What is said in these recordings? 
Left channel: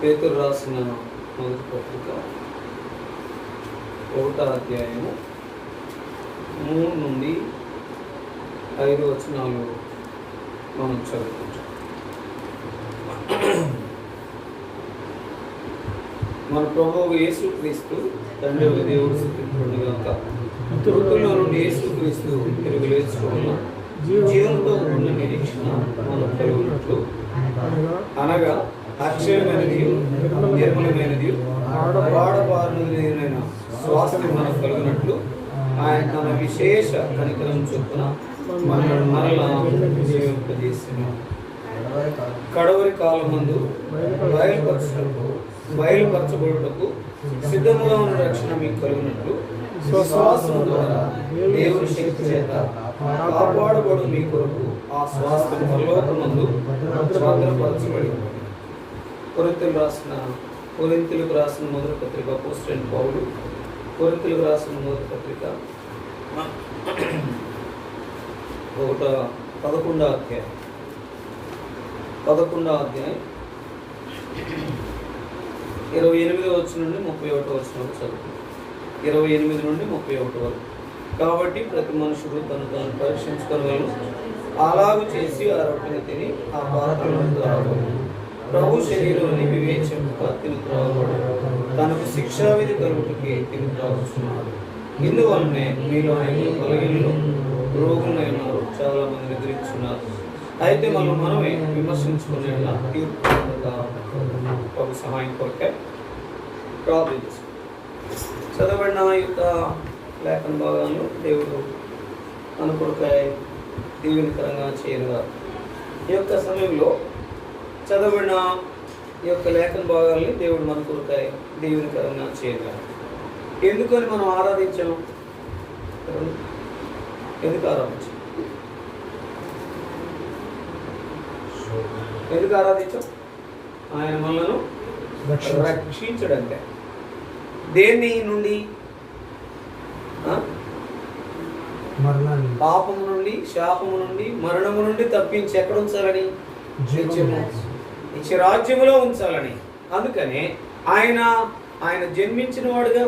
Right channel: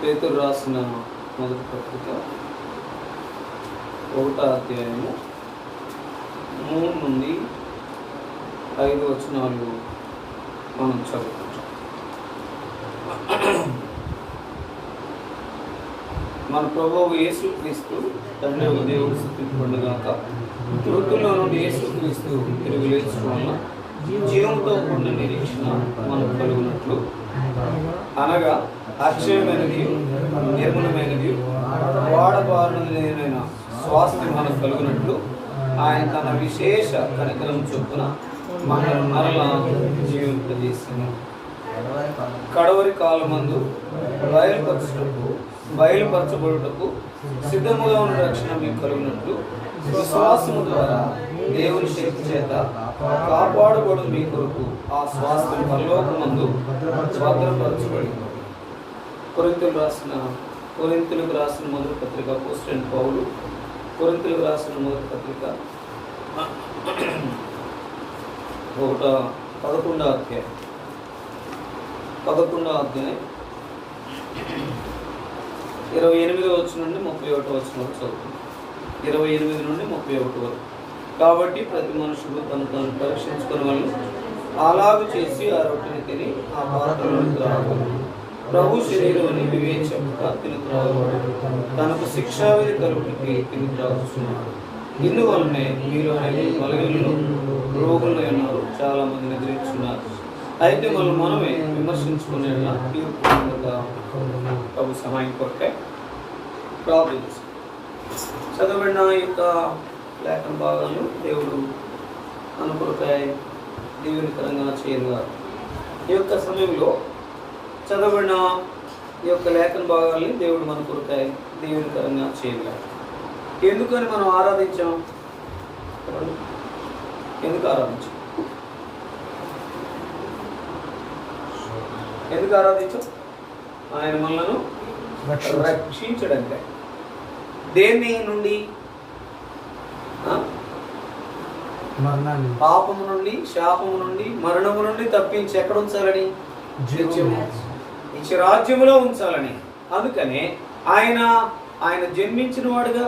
పేతురు రాసిన మొదటి పత్రిక 1వ అధ్యాయము 3 నుండి 5 వచనాలు మనం చదువుకుంటాం. మన ప్రభువు యేసుక్రీస్తు తండ్రి ఒక దేవుడు స్తుతింపబడుగాక. మృతుల్లో నుండి యేసుక్రీస్తు తిరిగి లేచుకున్న జీవంతో ఉన్న నిరీక్షణ మనకు కలుగునట్లు, అనగా అక్షయమైనది, నిర్మలమైనది, వాడబారినదైన స్వాస్థ్యం మనకు కలుగునట్లు ఆయన తన విశేష కనికరం చొప్పున మనల్ని మరలా జీవింపజేస్తున్నాం. కడవరి కాలమందు బయలుపరచబడుటకు సిద్ధముగా ఉన్న రక్షణ మీకు కలుగునట్లు విశ్వాసము ద్వారా దేవుని శక్తి చేత కాపాడబడు మీ కొరకు ఆ స్వాస్థ్యం పరలోకమందు భద్రపరచబడి. కొరింథీయులకు రాసిన మొదటి పత్రిక అపోస్తలుడైన పౌలు కొరింథీయులకు రాసిన మొదటి పత్రిక 11వ అధ్యాయం 28వ వచనం నుండి 31వ వచనం వరకు చదువుతుంది. 28 నుండి 31 వరకు. కాబట్టి ప్రతి మనుషుడు తను తాను పరీక్షించుకొని వాళ్ళు అలాగూ చేసి ఆ రొట్టెని తిని ఆ పాత్రలను త్రాగడు. ప్రభు శరీరాన్ని వివేచనగా తిని త్రాగడు, తనకు శిక్షావిధి కలుగుటకి తిని త్రాగుతున్నాడు. ఇందువల్లనే మీలో బలహీనులు రోగులు ఉన్నారు, చాలా మంది నిద్రించున్నారు. అయితే మనమే విమర్శించుకునే ప్రభు సహాయం కొరకే ప్రార్థించాం. చదవబడిన యొక్క లేఖన భాగాలను దేవుడు అనుకొరకై దీవెనకరంగా చేయనుగారు. ఈ యొక్క సమయంలో చదవబడిన ఈ యొక్క లేఖన భాగాల్ని దేవుడు మన కొరకై దీవెనకరంగా చేయనుగారు. ఎందుకని మనం ఆరాధించాం? ఎందుకు ఆరాధించాం? ఎందుకు ఆరాధించాం? ఆయన మనలను రక్షించడంటే దేని నుండి? పాపము నుండి, శాపము నుండి, మరణము నుండి తప్పించి ఎక్కడ ఉంచాలని? రాజ్యములో ఉంచాలని. అందుకనే ఆయన జన్మించిన వాడుగా,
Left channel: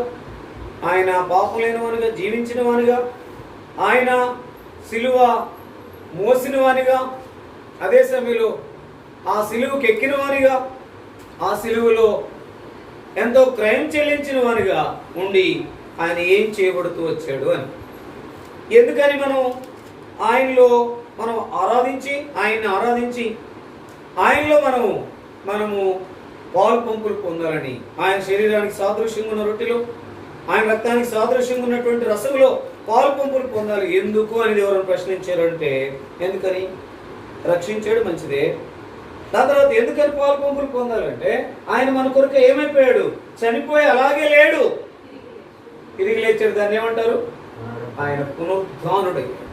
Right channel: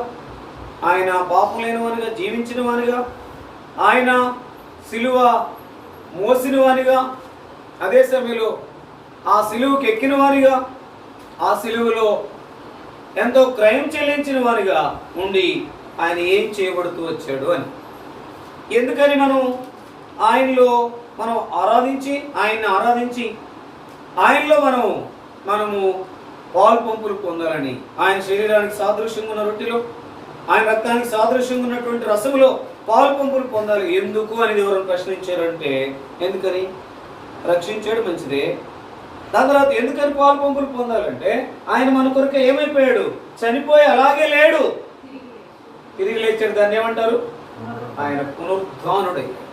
ఆయన పాపం లేని వానిగా, జీవించిన వానిగా, ఆయన సిలువ మోసిన వానిగా, అదే సమయంలో ఆ సిలువకి ఎక్కిన వానిగా, ఆ సిలువలో ఎంతో క్రయం చెల్లించిన వానిగా ఉండి ఆయన ఏం చేయబడుతూ వచ్చాడు అని. ఎందుకని ఆయనలో మనం ఆరాధించి ఆయనలో మనము పాలు పంపులు పొందాలని, ఆయన శరీరానికి సాదృశ్యంగా ఉన్న రొట్టెలో, ఆయన రక్తానికి సాదృశ్యంగా ఉన్నటువంటి రసములో పాలు పంపులు పొందాలి. ఎందుకు అనేది ఎవరైనా ప్రశ్నించారంటే, ఎందుకని? రక్షించాడు, మంచిదే. దాని తర్వాత ఎందుకని పాలు పంపులు పొందాలంటే, ఆయన మన కొరకు ఏమైపోయాడు? చనిపోయి అలాగే లేడు, తిరిగి లేచాడు. దాన్ని ఏమంటారు? ఆయన పునరుద్ధానుడయ్యాడు.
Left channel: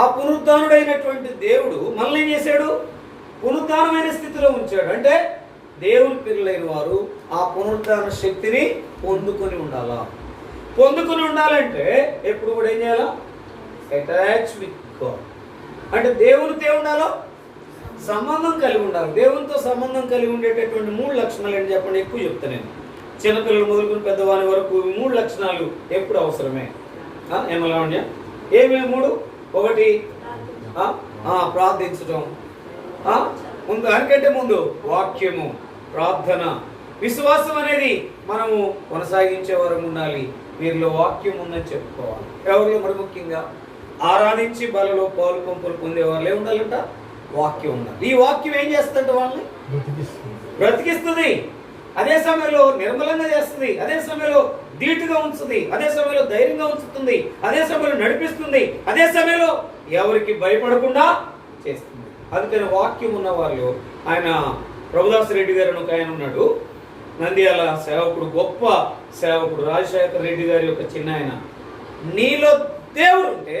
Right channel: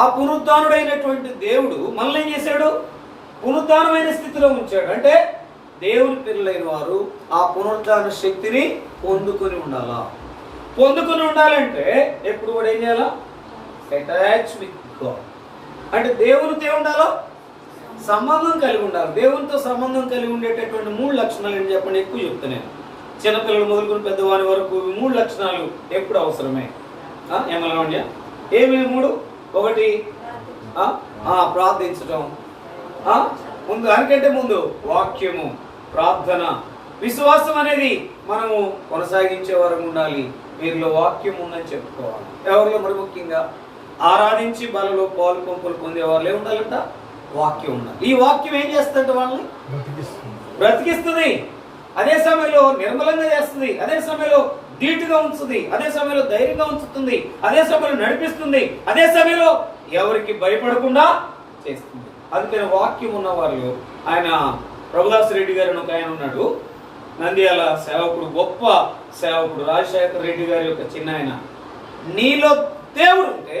ఆ పునరుద్ధానుడైనటువంటి దేవుడు మనల్ని ఏం చేశాడు? పునరుద్ధానమైన స్థితిలో ఉంచాడు. అంటే దేవుని పిల్లలైన వారు ఆ పునరుద్ధాన శక్తిని పొందుకొని ఉండాలంటే ఎప్పుడు కూడా ఏం చేయాలా? Attach with God. అంటే దేవునితో ఉండాలా? సంబంధం కలిగి ఉండాలి. దేవునితో సంబంధం కలిగి ఉండేటటువంటి 3 లక్షణాలు ఏంటి చెప్పండి? ఎక్కువ చెప్తాను నేను. చిన్నపిల్లలు మొదలుకొని పెద్దవాని వరకు 3 లక్షణాలు ఎప్పుడు అవసరమే. ఏమన్నా ఏమేమి 3? 1 ప్రార్థించడం, దానికంటే ముందు వాక్యము, ప్రార్థన, విశ్వాసం అనేది మనము కొనసాగించే వరకు ఉండాలి. వీరిలో వాక్యం ఉందని చెప్పుకోవాలి. ఎవరిలో? మరి ముఖ్యంగా ఆరాధించి బలలో పాలు పంపులు పొందేవాళ్ళే ఉండాలంట. వాక్యం ఉండాలి. ఈ వాక్యం ఏం చేస్తుందంటే వాళ్ళని బ్రతికిస్తుంది, అదే సమయంలో నిర్మలంగా చేస్తుంది, అదే సమయంలో ధీటుగా ఉంచుతుంది, అదే సమయంలో ధైర్యంగా ఉంచుతుంది, అదే సమయంలో నడిపిస్తుంది, అదే సమయంలో ఎవరికి భయపడకుండా చేస్తుంది. అందుకని వాక్యం ఉన్న వాళ్ళు, ఆయన ప్రభుదాస్ రెడ్డి గారు ఒక ఆయన ఉన్నాడు, నంద్యాల సేవకుడు, గొప్ప సేవకుడు, రాజశేఖర్ రెడ్డి గారి యొక్క చిన్న ఆయన. నీలో దేవుడు ఉంటే,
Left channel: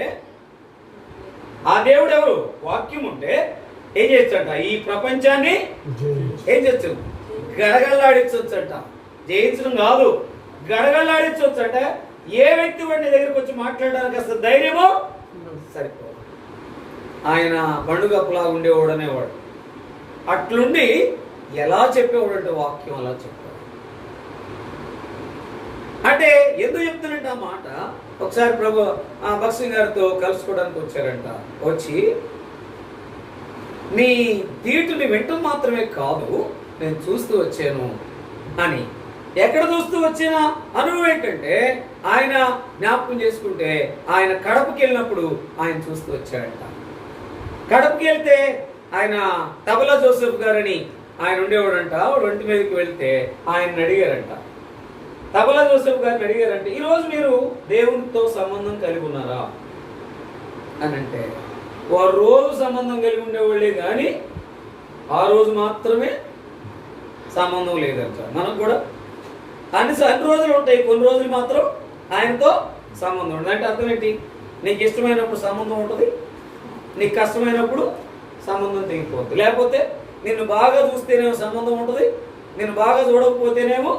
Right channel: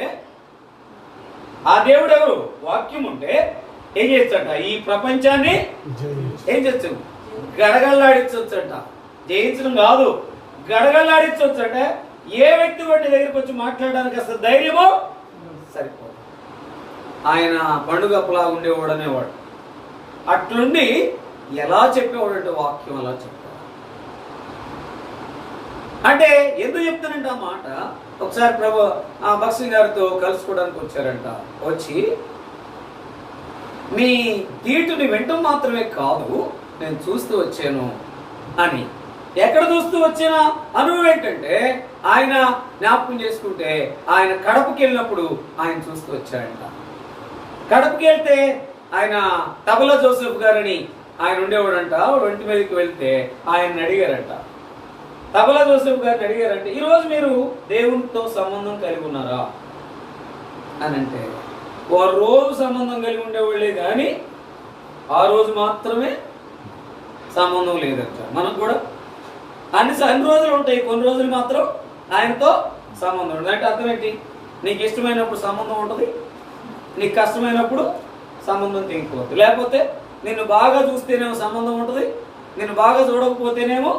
ఆ దేవుడు ఎవరు? వాక్యం ఉంటే ఏం చేయొచ్చంట? ఈ ప్రపంచాన్ని ఏం చేయొచ్చు? గడగడలాడించవచ్చంట. జయించడం కాదు, గడగడలాడించవచ్చంట. ఏ వ్యక్తి వాడి దగ్గరికి వచ్చి మాట్లాడడానికి అసలు ధైర్యమో సరిపోదు. ఆయన పండుగప్పులా ఉండేవాడు అనేవాడు. అట్లుండి ఎలా చెప్పేవాడంటే వాక్యం అలా చెప్పేవాడు. అంటే ఎందుకు చెప్తానంటే ఆ మాట, ఒకసారి భక్సింగ్ గారితో కలుసుకోవడానికి వచ్చారంట. వచ్చి నీ తీటుని వింటం మాత్రమే కాదు, నేను చూస్తూ వచ్చాను అని. ఎక్కడ చూస్తూ వచ్చిన అనుభవం ఏంటంటే, ఆయన జ్ఞాపకం చేసుకుంటే ఆయన కడపకి వెళ్ళినప్పుడు ఆయన చూస్తూ వచ్చాడంట. కడపకి వెళ్తే ఆయన తబలా జోసెఫ్ గారని ఆయన ఉండేవాడంట. ఒంటి మీదకి వెళ్తే ఆయన అడిగారంట, తబలా జోసెఫ్ గారిని అడిగారంటే, ఈరోజు మీరు దేవునితో సంబంధం కలిగి ఉన్నారా అని. అంటే వారు రోజు సంబంధం కలిగి ఉండేవాళ్ళే కానీ ఆ రోజు మాత్రమే సంబంధం లేదంట. మనం కూడా అన్ని రోజులు ఉంటాయి, కొన్ని రోజులు మాత్రం ఆయనతో సంబంధం ఉంటుంది. అంటే అర్థం ఏంటి? నీకు ఇష్టమైనప్పుడు సంబంధం ఉంటుంది, నీకు కష్టమైనప్పుడు సంబంధం తెగిపోద్దు. లేకపోతే నిన్ను బాగా చూస్తేనేమో సంబంధం ఉంటుంది, నిన్ను బాగా చూడకపోతేనేమో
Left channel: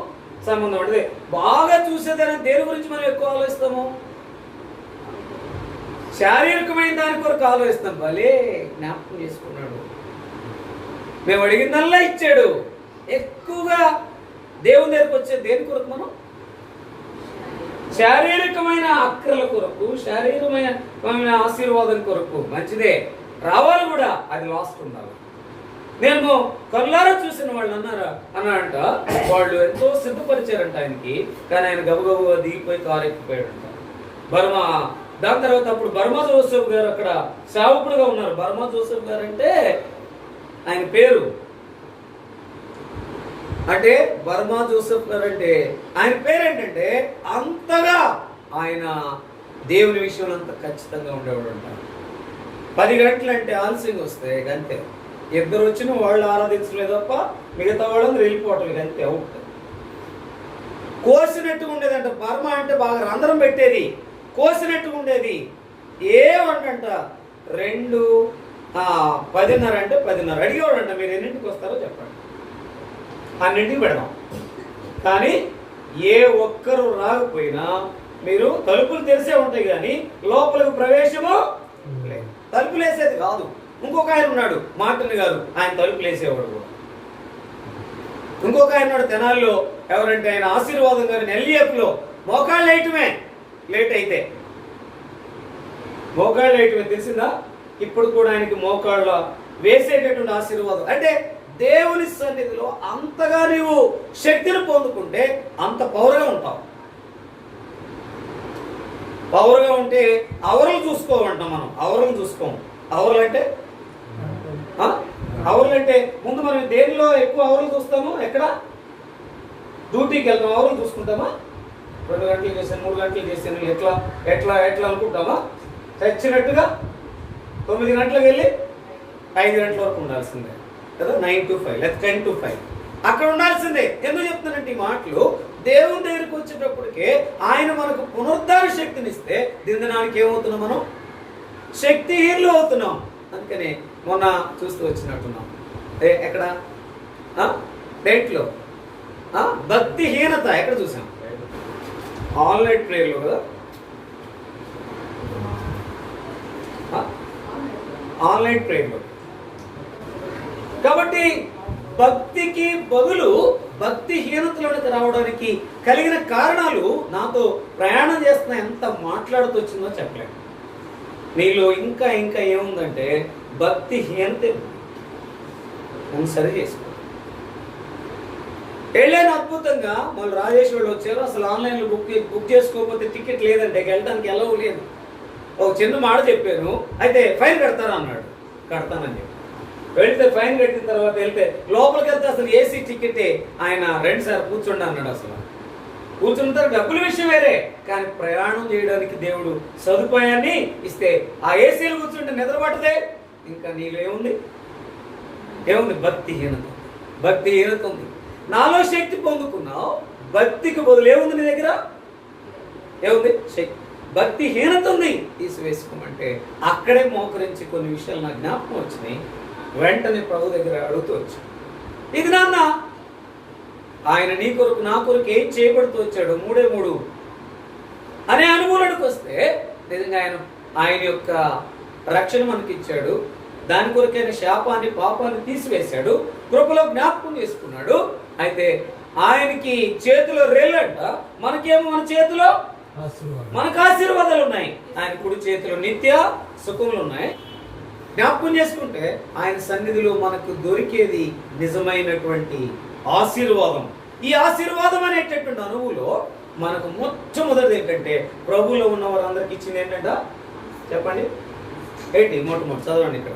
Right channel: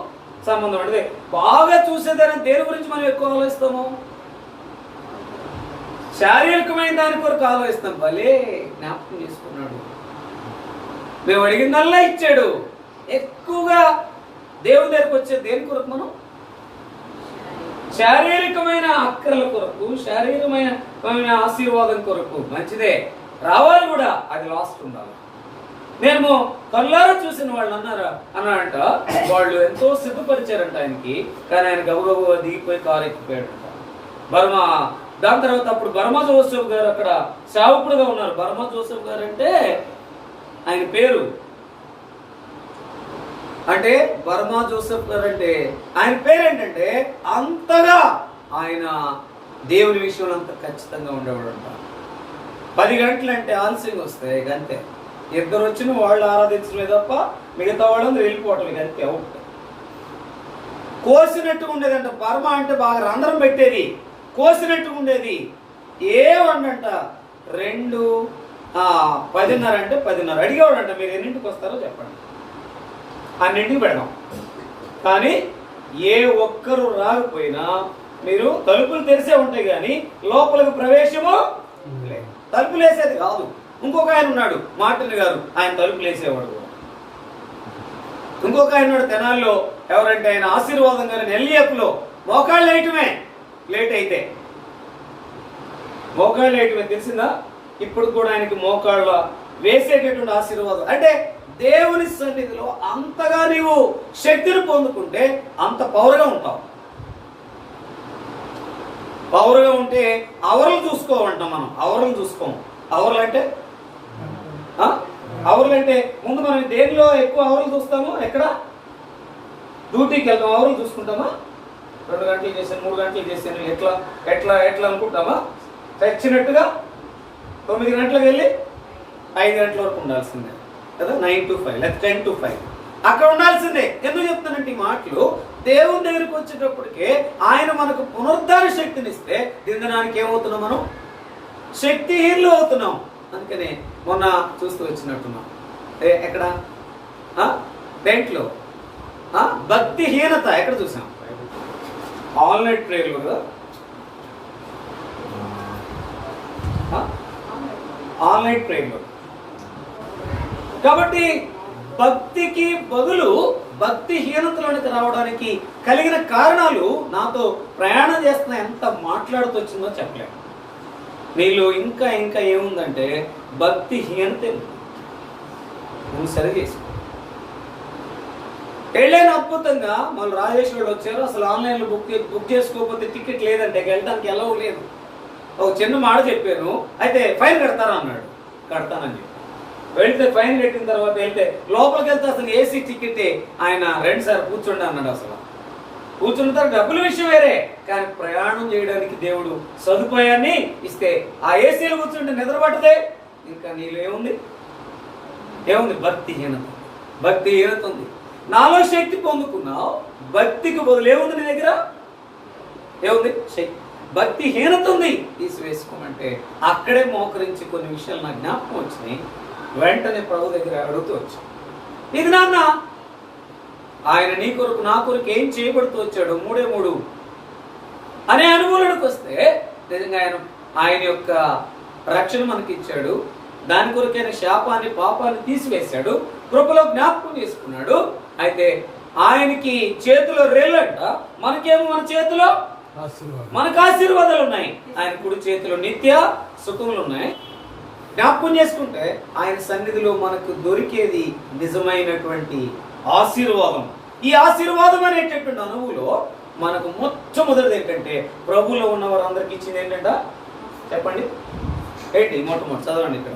సంబంధం ఉంటుంది. బాగా చూసేదాన్ని దేని గురించి మనం ఎక్కువ ఆలోచిస్తాము? శారీరకమైన దాని కొరకు ఆలోచిస్తాం. భలే జ్ఞాపకం చేసుకున్నాడు, మేము అడిగిందల్లా ఇచ్చాడు. ఎక్కువగా దేవుని దగ్గరకు వచ్చే దేని కొరకు? మనం శారీరకమైన అక్కర్ల కొరకు, శారీరకమైన ఆశీర్వాదం కొరకు. మంచిదే, రావాలి కూడా, అది లాస్ట్ ఉండాలి. నేను కళ్ళారా చూసిన వాళ్ళు అన్నారంట, వాళ్ళు ఎంతో సిద్ధపరిచారంట ఆయనకి. కానీ ఆయన గబగబ దిగిపోయి కారు ఎక్కిపోయాడంట. బర్మా దాని తర్వాత అప్పుడు బర్మా జోసెఫ్ గారు అక్కడ సేవకుడుగా ఉన్నారు. బర్మా జోసెఫ్ గారు అంటే ఆయన పేరు. అంటే బర్మా జోసెఫ్ గారు అంటే ఆయన పేరు ఏంటంటే అంతగా ఆయన దేవుని విషయంలో అంత ఖచ్చితంగా ఉండేవాడు అంట. 10 గంటలు అంటే ఆలస్యంగా వస్తాయి అంతే. ఇద్దరు వచ్చిన వాళ్ళు ఆరాధించలే తప్ప మిగతా వాళ్ళని వెళ్ళిపోవటం అంతే. కోసినట్టు ఉండేదంట. బర్మా అంటే బాగా రంధ్రం పెట్టేది, కోసినట్టు ఉండేది. ఏమంట 2:10 అంటే 10:30 అడిగేవాడంట, మీరు ఎన్నింటికి వస్తారో చెప్పండి, అన్నింటికి పెడదాం. కానీ ఏ ఒక్కరు రాకపోయినా మీరు తలుపులు తెరిసే ఉంటాయి కానీ లోపలికి ప్రవేశము లేదు. తలుపులు వేసేది కాదు. ఇంకొక ఆయన ఉన్నాడు మార్టిన్ గారు, ఆయన తలుపులు వేసేవాడు. ఇంకొక ఆయన ఉన్నాడు తెనాల్లో, ఎవరంటే ఆయన ఆశీర్వాదం గారిని ఎల్ఏఎఫ్లో మోకాళ్ళు వేయటమే. లేట్ అయితే మోకాళ్ళు వేయటమే, తెలిసిందా? ఇప్పుడు కూడా ఆయనకి మోకాళ్ళ వేసేటటువంటి ఆశీర్వాదం. అంటే దేవుని సన్నిధిలో అంతగా నీవు శక్తిని పొందుకుంటే అంత పవర్గా ఉంటావు. పవర్గా ఉంటే అవరలు చూసుకోమంటాం మనం. అవరలు చూసుకోము. అవరలు అంటే ముందు మనం దేనిలో ఎక్కువ అవరలు చూస్తాము? ఎక్కడ? డ్యూటీకి వెళ్తాం, అవరలు చూసుకుంటామా? 2 గంటలు చేశాను, 3 గంటలు చేశాను, ఎట్లా ఎట్లా ఎట్లా అనుకుంటామా? తెచ్చినట్టుగా 9 గంటలకు వెళ్ళి 5 గంటల వరకు ఉండాల్సిందే కదా, 9 to 5 లేదా 10 to 5 అక్కడ ఉండాల్సిందే. ఎందుకు చెప్తానంటే ఈ మాటలు, దేవుని దగ్గరికి వచ్చేటప్పటికే ఆయన మనకు పునరుద్ధార శక్తిని ఇస్తే దినడానికి ఏమవుతున్నాం? మనం శక్తిహీనులు అవుతున్నాం. అందుకనే మొన్న చూస్తూ వచ్చినట్టున్నాం. ఎక్కడ? దేంట్లో? భక్తిహీనత ఎక్కడ చూసాం? ఆన్లైన్ ప్రేయర్లో కదా, ఆన్లైన్ ప్రేయర్లో. కాబట్టి భక్తికి బదులు భక్తిహీనతలోనికి రావడానికి కలిగిన కారణాలు నాతో ప్రయాణం చేస్తున్న ఎంత మాట్లాడుతూ వచ్చిందో చెప్పలేము. నీలో ఇంకా ఇంకా ఏముందంటే భక్తిహీనత. నువ్వు సరి చేసుకో. వెళ్ళాను అద్భుతంగా. మళ్ళీ రాజేష్ వాళ్ళు వచ్చారు. అసలు ఆన్లైన్లో బుక్ చేసుకోకపోతే టికెట్ లేదంటే వెళ్ళడానికి ఎలా లేదు. ఒక చిన్న మాట చెప్పాను, అయితే ఫైన్ కడతారా అన్నాడు. కడతానని చెప్పి వెళ్తే ఫైన్ కట్టిన తర్వాత వెళ్తే లోపలికి వెళ్తే అసలు ఏసీ టికెటే. ఆయన 2 సార్లు కూర్చోండి అన్నాడు. అసలు కూర్చున్న తర్వాత డబ్బుల విషయం వేరే, కానీ ప్రయాణం చేయడానికి దేవుడు సదుపాయాన్ని ఇస్తే ఆ ఏసీలో కూర్చుంటే నిద్ర పట్టదే. ఇంకా నీలో ఏముంది? భక్తిహీనత. భక్తిహీనత ఉంది. నాలో శక్తి పొందుకున్నావు, భక్తికి బదులు ఏముంది నీ దగ్గర? ఏముంది? శక్తి. భక్తిహీనత ఉంది, తీసివేసుకోమంటే అక్కడే మోకరించి కొన్ని విషయాలు నాకు జ్ఞాపకం వచ్చినాయి. వెంటనే ప్రభు దగ్గర అడుగుతూ వచ్చాను, ఇది నాన్న ఆయన నీ కొరకు నా కొరకు ఏం చేయబడుతూ వచ్చాడు 3 అనే అనుభవానికి వస్తే నిజంగా ఆయన యొక్క రక్షణ మనకి ఇచ్చాడు. దాని కొరకైన శాపాన్ని పాపాన్ని తీసివేశాడు. కృపలో జ్ఞాపకం చేసుకున్నాడు. అయితే ఆయనకి చేతిలో రేలంట, మనకేమో మన చేతిలో మనకు ఆశీర్వాదాలు ఉన్నాయి. ఆయన కుడి చేతిలో నిత్య సుఖములు ఉన్నాయి. జ్ఞాపకం చేసుకుంటే ఆయన సన్నిధిలో మనకు దొరికేది నిజమైనటువంటి ఆశీర్వాదం. ఈ ఆశీర్వాదం అనేటటువంటి అనువులో మనకు మొట్టమొదటిది ఏంటంటే, ప్రభువులో ఉన్న వారందరికి ఇచ్చింది ఏంటంట చెప్పండి. ఏంటి? మొట్టమొదటి చదవండి. ఇక్కడ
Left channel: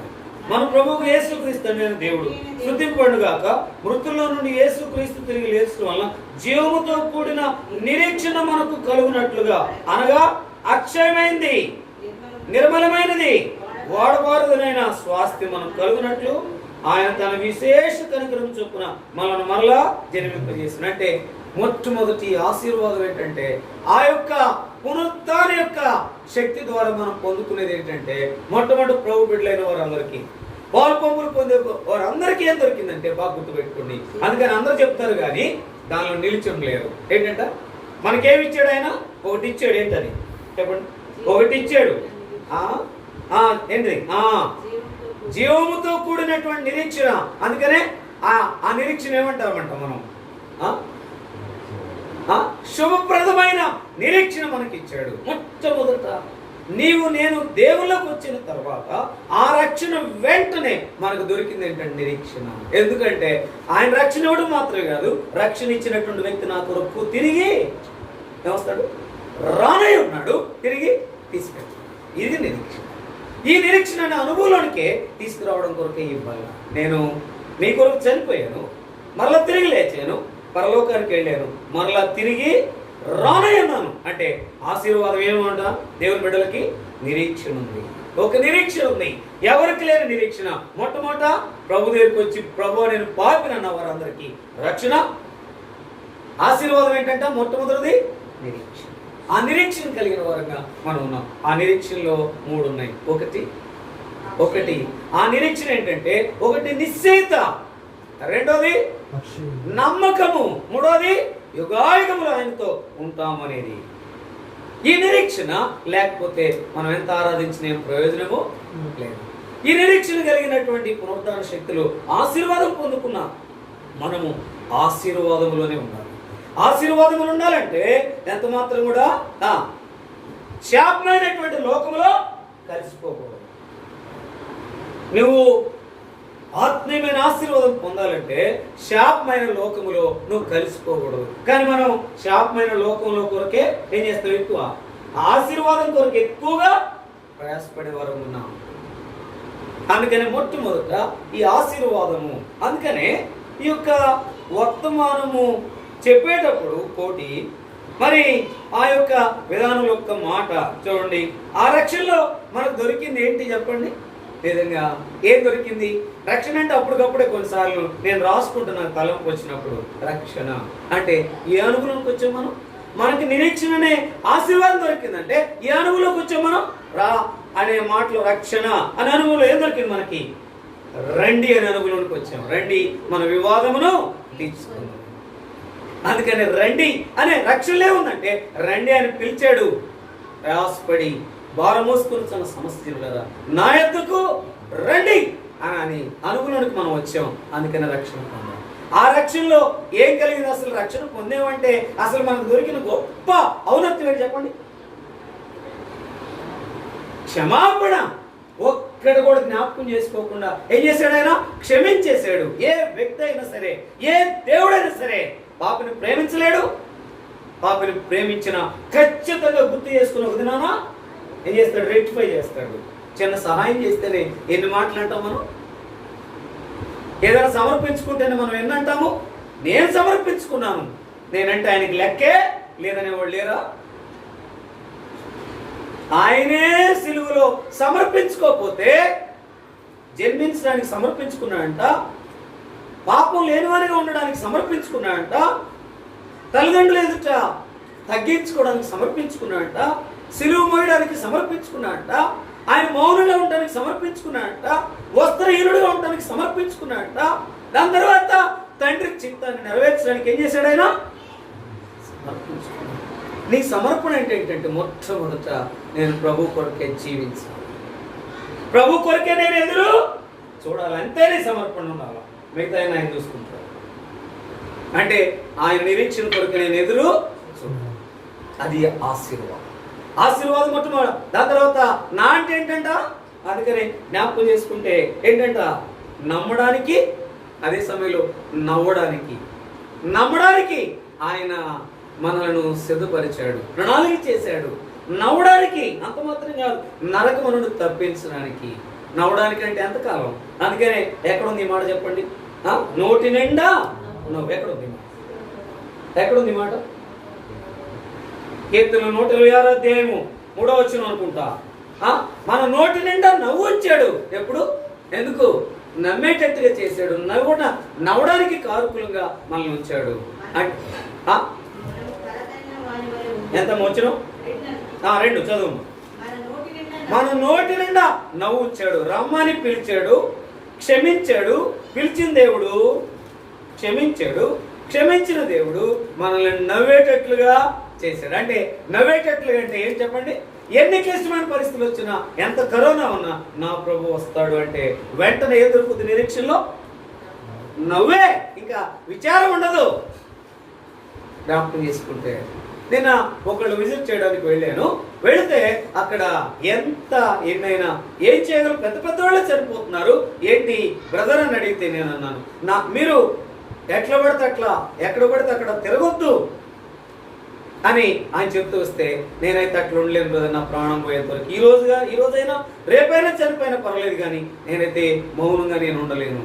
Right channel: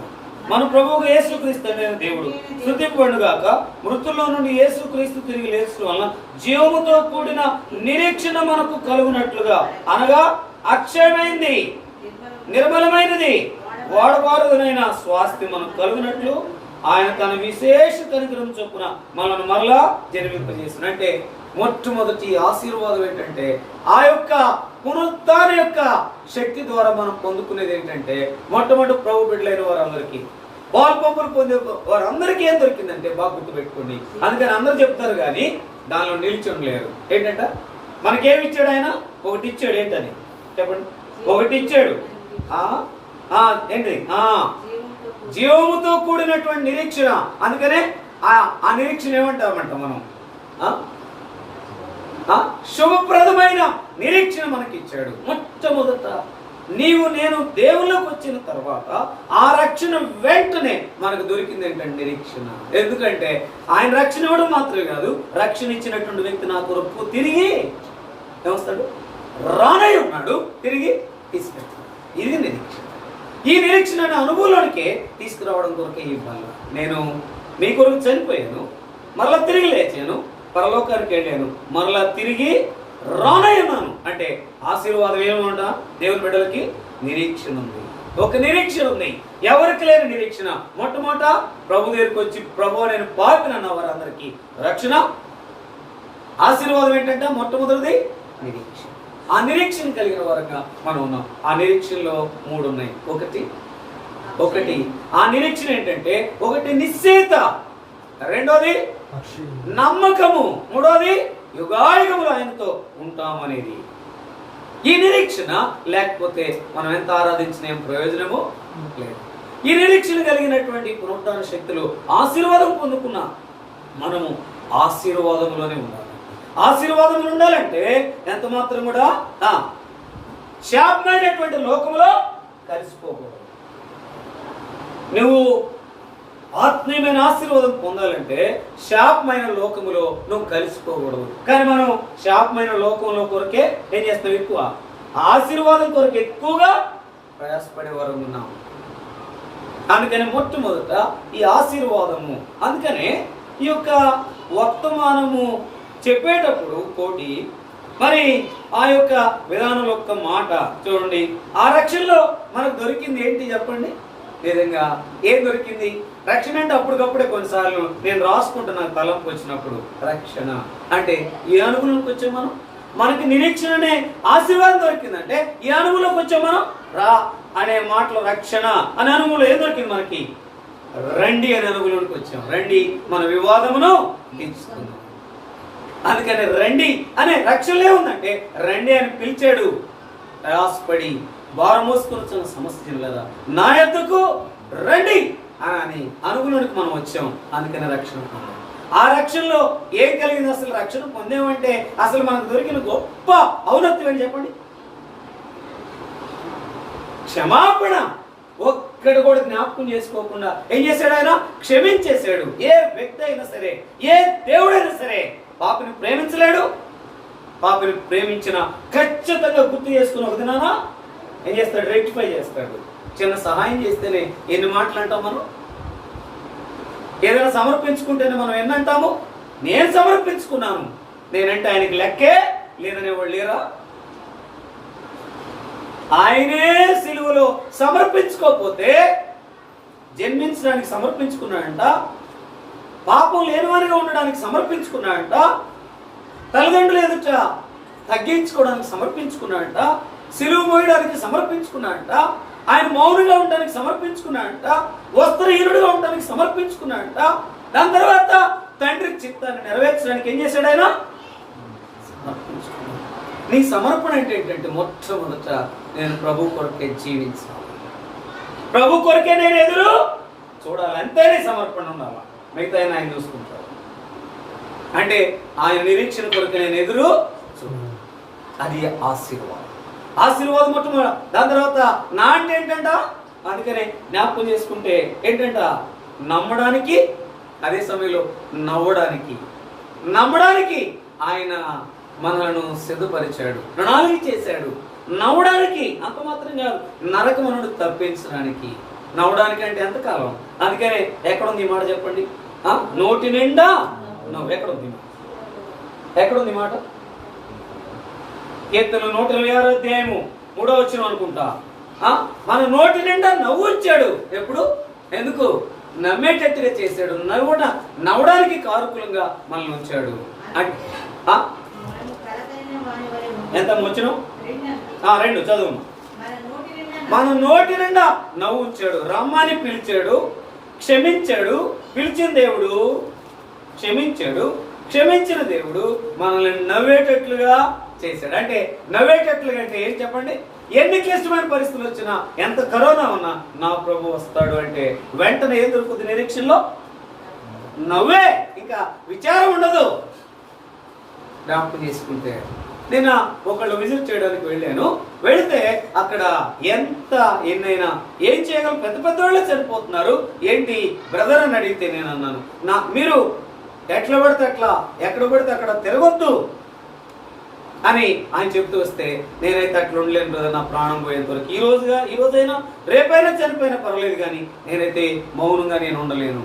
మన ప్రభువుగా యేసుక్రీస్తు అనే దేవుడు స్తుతింపబడును గాక. మృతుల్లో నుండి యేసుక్రీస్తు తిరిగి లేచడం వలన జీవముతో కూడిన నిరీక్షణ మనకు కలుగునట్లుగా, అనగా అక్షయమైంది, నిర్మలమైనది, వాడబారుదనైన స్వాస్థ్యం మనకు కలుగునట్లు ఆయన తన విశేష కనికరం చొప్పున మనల్ని మరలా జన్మింపజేసిన. అంటే మొట్టమొదటి ఆశీర్వాదం ఏంటంటే, ఆ యొక్క పునరుత్థాన యొక్క శక్తి ద్వారా మనం పొందుకునేది ఏంటంటే, మొట్టమొదటి ప్రభు బిడ్డలైన వారందరికీ, పాలు పంపులు పొందే వారందరికీ ఏం దొరికిందంటే, బాగా గుర్తుపెట్టుకోండి. అందుకని అందరూ చెప్తారు కానీ దానిలో నిలిచి లేరు. ఏంటంట, మనకేమి ఇచ్చాడు ఆయన? ఒకటి ఇచ్చాడు. ఏంటని చెప్పండి? ఒకటి ఇచ్చాడు. ఏంటి? జీవముతో కూడినటువంటి నిరీక్షణ. అందుకనే ఆ నిరీక్షణ ఏమంటామంట మనం? శుభప్రదమైన నిరీక్షణ మనకి ఇచ్చాడు. మొట్టమొదట నీవు నేను దేవుళ్ళకి వచ్చిన తర్వాత ఆ రక్షణ వెంటనే మనకు దొరికింది ఏంటంటే నిరీక్షణ. ఎందుకంటే ఆయన రక్షణ ఇవ్వడం మాత్రమే కాదు, రక్షణ ఇచ్చినటువంటి వ్యక్తి నా కొరకు తిరిగి ఏమొస్తాడు? రానై ఉన్నాడు, తిరిగి తీసుకెళ్తాడు. ఇది నిరీక్షణ. ఈ నిరీక్షణ అనుభవంలోనికే తీసుకురావడం కొరకే ఈ బలం. నేను మీ కొరకు చనిపోయాను, మరలా తిరిగి లేచాను, పరలోకానికి వెళ్ళాను, మరలా తిరిగి రానై ఉన్నాను. అంటే ఆశీర్వాదం ఏమంట? దేవుని బిడ్డలకి నిరీక్షణ ఉంది. ఒక నిరీక్షణ ఉంది. ఎవరికి లేని నిరీక్షణ. మొట్టమొదట ప్రభు దగ్గరికి వచ్చి, ప్రభు నేను పాపినన్న వారందరికీ రక్షణ. ఆశీర్వాదం ఏంటంటే మొట్టమొదటిది నిరీక్షణ. ఆ నిరీక్షణ కలిగిన వారంగా మనం ఉన్నాం. ఆ నిరీక్షణలో 3 ఉన్నాయి. ఒకటి ఆ నిరీక్షణ ఏంటంటే, ఒకటి నిశ్చయిత, రెండోది నమ్మకము, మూడోది యుగాయుగములు ఆయనతో ఉంటామనేది. ఈ నిరీక్షణ లేకపోతే మనం ఎంత ఆరాధించిన ఏం ప్రయోజనము లేదు. ఈ నిరీక్షణ కలిగినటువంటి పునరుత్థాన శక్తులు ఆశీర్వాదం పొందుకున్న మనము ఆశీర్వాదములోనే ఉండాలి. ఆశీర్వాదములు ఉండాలంటే ఎంత మాత్రం కూడా శాపమైనటువంటి లోకములో కలిసిపోకూడదు. నువ్వు ఆత్మీయమైన ఆశీర్వాదం పొందాలంటే శాపమైన లోకములో నువ్వు కలిసిపోకూడదు. కానీ మనం శాపమైన లోకంలో కొరకే ఏం చేస్తాం? ఎక్కువ ఆశీర్వాదం కొరకు ఎక్కువగా ప్రయాసపడే వారు ఉన్నాం. అందుకనే మొట్టమొదట ఈ ఆశీర్వాదము. అందుకనే ఈ యొక్క వర్తమానము చెప్పేటప్పుడు కోటి మరి ఆ యొక్క విధానం యొక్క మాట చూడండి. ఆ రక్షణలో మనకు దొరికింది ఏంటి చెప్పండి? విధంగా ఏం దొరికింది? రక్షణ అంటే అప్పటికప్పుడే కొన్నిసార్లు నేను రాసుకుంటున్నాను తలంపు వచ్చినప్పుడు. రక్షణ అంటే ఏ అనుభవంలోకి వచ్చాం మనం? మనకి నిరీక్షణనే ఆశీర్వాదం దొరికిందంటే ఈ అనుభవంలోకి వచ్చాం మనం. రా అనే మాటలో రక్షణ అనే అనుభవంలో ఏం దొరికింది మనకి? రండి అనే అనుభవంలోకి వచ్చాం. రండి మన వివాదమును తీర్చుకుందాం. అందుకని రండి అనే రక్షణలే ఉందంటే రండి అని పిలిచాడు. ప్రయాసపడి భారం మోసుకున్న సమస్యలు కదా, నా యొద్దకు రండి అని అనుగుణానికి మనం వచ్చాం. అందుకని రక్షణ పొందాం. ఆ రక్షణలో ఏం కలిగింది? అసలు రక్షణ పొందేమంటే అసలు మనకు దొరికిన గొప్ప ఔన్నత్యం అని చెప్పండి. క్షమాపణ. ఒక్కడు కూడా జ్ఞాపకం చేసుకోకుండా ఏం చేశాడు? ఆయన క్షమించేశాడు. ఏ వ్యక్తి అయినా సరే, ఏ దేవుడైనా సరే పాపిని ప్రేమించలేడు. పాపిని ప్రేమించిన ఖచ్చితంగా గుర్తు చేసుకుని ఒక దినాన ఏం చేస్తాడు? రెక్టిఫై చేస్తాడు. చిన్న సహాయం చేస్తేనే ఎన్ని మాటలు అంటాం మనం? ఏదైనా సమర్పించుకుంటేనే మనం ఎన్ని అంటాము? నేను సమర్పించుకున్నాను, నేనంటే ఆయనకి లెక్కే లేదనేవాళ్ళు లేరా? ఆయనే సిలువలో సమర్పించుకోకపోతే జన్మించడానికి సమర్పించుకున్నాడంట, పాపం లేనివారిగా ఉండడానికి సమర్పించుకున్నాడంట, తల్లిదండ్రులు ఎదుట తగ్గించుకోవడానికి సమర్పించుకున్నాడంట, సిలువ మోయడానికి సమర్పించుకున్నాడంట, ఆయన మౌనంగా ఉండడానికి సమర్పించుకున్నాడంట, వస్త్రహీనుడిగా ఉండడానికి సమర్పించుకున్నాడంట. దాని తర్వాత తండ్రి చిత్తాన్ని నెరవేర్చడానికి ఏం చేశాడు? ఆయన సమర్పించుకున్నాడు. నీ సమర్పణ ఏంటంటే మొట్టమొదట నేను ప్రభు కొరకే జీవించాలి, ప్రభు కొరకే నేను ఎదురు చూడాలి. అంతే నీ సమర్పణ ఉండాలి. మిగతా ఆయన చూసుకుంటాడు. అంటే ఆయన నిరీక్షణ కొరకు నేను ఎదురు అది ఆశీర్వాదం. ఆశీర్వాదం మొట్టమొదటి. దాని తర్వాత నా అంటే ఏంటంట, అందుకనే జ్ఞాపకం చేసుకుంటే ఏంటంట, నమ్మడానికి, అదే సమయంలో నవ్వడానికి. నమ్మడానికి ఆయన మనలను సిద్ధపరిచాడు, ప్రణాళిక చేశాడు. నవ్వడానికి అంత మాత్రం కాదు, నరకమును తప్పించడానికి. నవ్వడానికి అంటే ఎంతకాలం? అందుకనే ఎక్కడుంది ఈ మాట చెప్పండి? నోటి నిండా నవ్వు. ఎక్కడుంది ఎక్కడుంది మాట? కీర్తన 126 అధ్యాయము 3వ వచనం అనుకుంటా. మన నోటి నిండా నవ్వు ఇచ్చాడు. ఎప్పుడు? ఎందుకు? నమ్మేటట్టుగా చేశాడు. నవ్వడానికి కారుకులంగా మనల్ని ఉంచాడు. ఎంత వచనం? 2 చదువు. మన నోటి నిండా నవ్వు ఇచ్చాడు, రమ్మని పిలిచాడు, క్షమించాడు. పిలిచిన దేవుడు క్షమించాడు, క్షమించిన దేవుడు మనల్ని నవ్వేటట్లుగా చేశాడు. అంటే నవ్వేటట్లుగా అంటే ఏం చెప్పండి? ఎన్ని క్లిష్టమైన పరిస్థితులు వచ్చినా, ఎంత కరోనా ఉన్నా నా ప్రభు వస్తాడు అంటే వెంటనే ఏం దొరుకుతుంది? నిరీక్షణలో నవ్వే, ఇంకా విచారం ఉండదు. జ్ఞాపకం చేసుకుంటే నిన్న ఒకళ్ళు విజిట్ చేయడానికి వెళ్ళాను. వెళితే అక్కడ ఎన్నైనా ఏం చేయగలరు? పెద్ద పెద్ద వాళ్ళే సరిపోతున్నారు. ఏంటి బ్రదర్ అని అడిగితే నేను అన్నాను, మీరు ఎట్లా పడితే అట్లా, ఎక్కడ పడితే అక్కడ తిరగొద్దు అని ఆయన చెప్తూ వస్తే, నేనైతే అట్లా ఉండలేను బ్రదర్, నా ప్రాణం పోయేంత వరకు. ఈ రోజైనా రేపైనా చనిపోయినా పర్వాలేదు, కానీ నేనైతే మౌనంగా నేను ఉండలేను,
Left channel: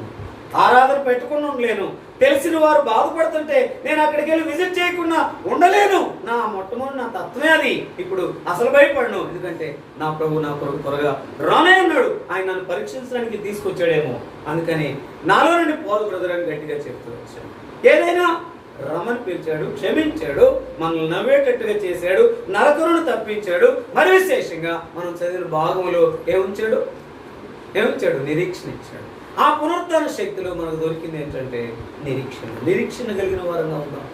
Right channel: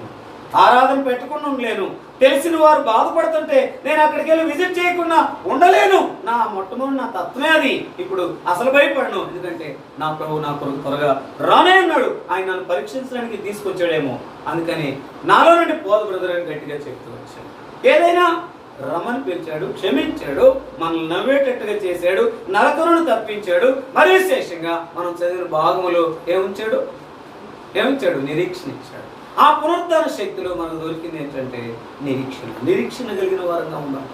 ఆరాధన పెట్టుకుని ఉండలేను. తెలిసిన వారు బాధపడుతుంటే నేను అక్కడికి వెళ్ళి విజిట్ చేయకుండా ఉండలేను. నా మొట్టమొదటి నా తత్వమే అది. ఇప్పుడు అసలు భయపడను, ఎందుకంటే నా ప్రభు నా కొరకు త్వరగా రానే ఉన్నాడు. ఆయన నన్ను పరీక్షించడానికి తీసుకొచ్చాడేమో, అందుకని నాలో నుండి పోదు బ్రదర్ అని గట్టిగా చెప్తూ వచ్చాను. ఏదైనా రమ్మని పిలిచాడు, క్షమించాడు, మనల్ని నవ్వేటట్టుగా చేశాడు, నరకరును తప్పించాడు. మరి విశేషంగా మనం చదివిన భాగంలో ఏముంచాడు? నిరీక్షణ ఇచ్చాడు. ఆ పునరుద్ధాన శక్తిలో మనకు దొరికింది ఏంటంటే నిరీక్షణ కలిగిన వారంగా ఉందాం.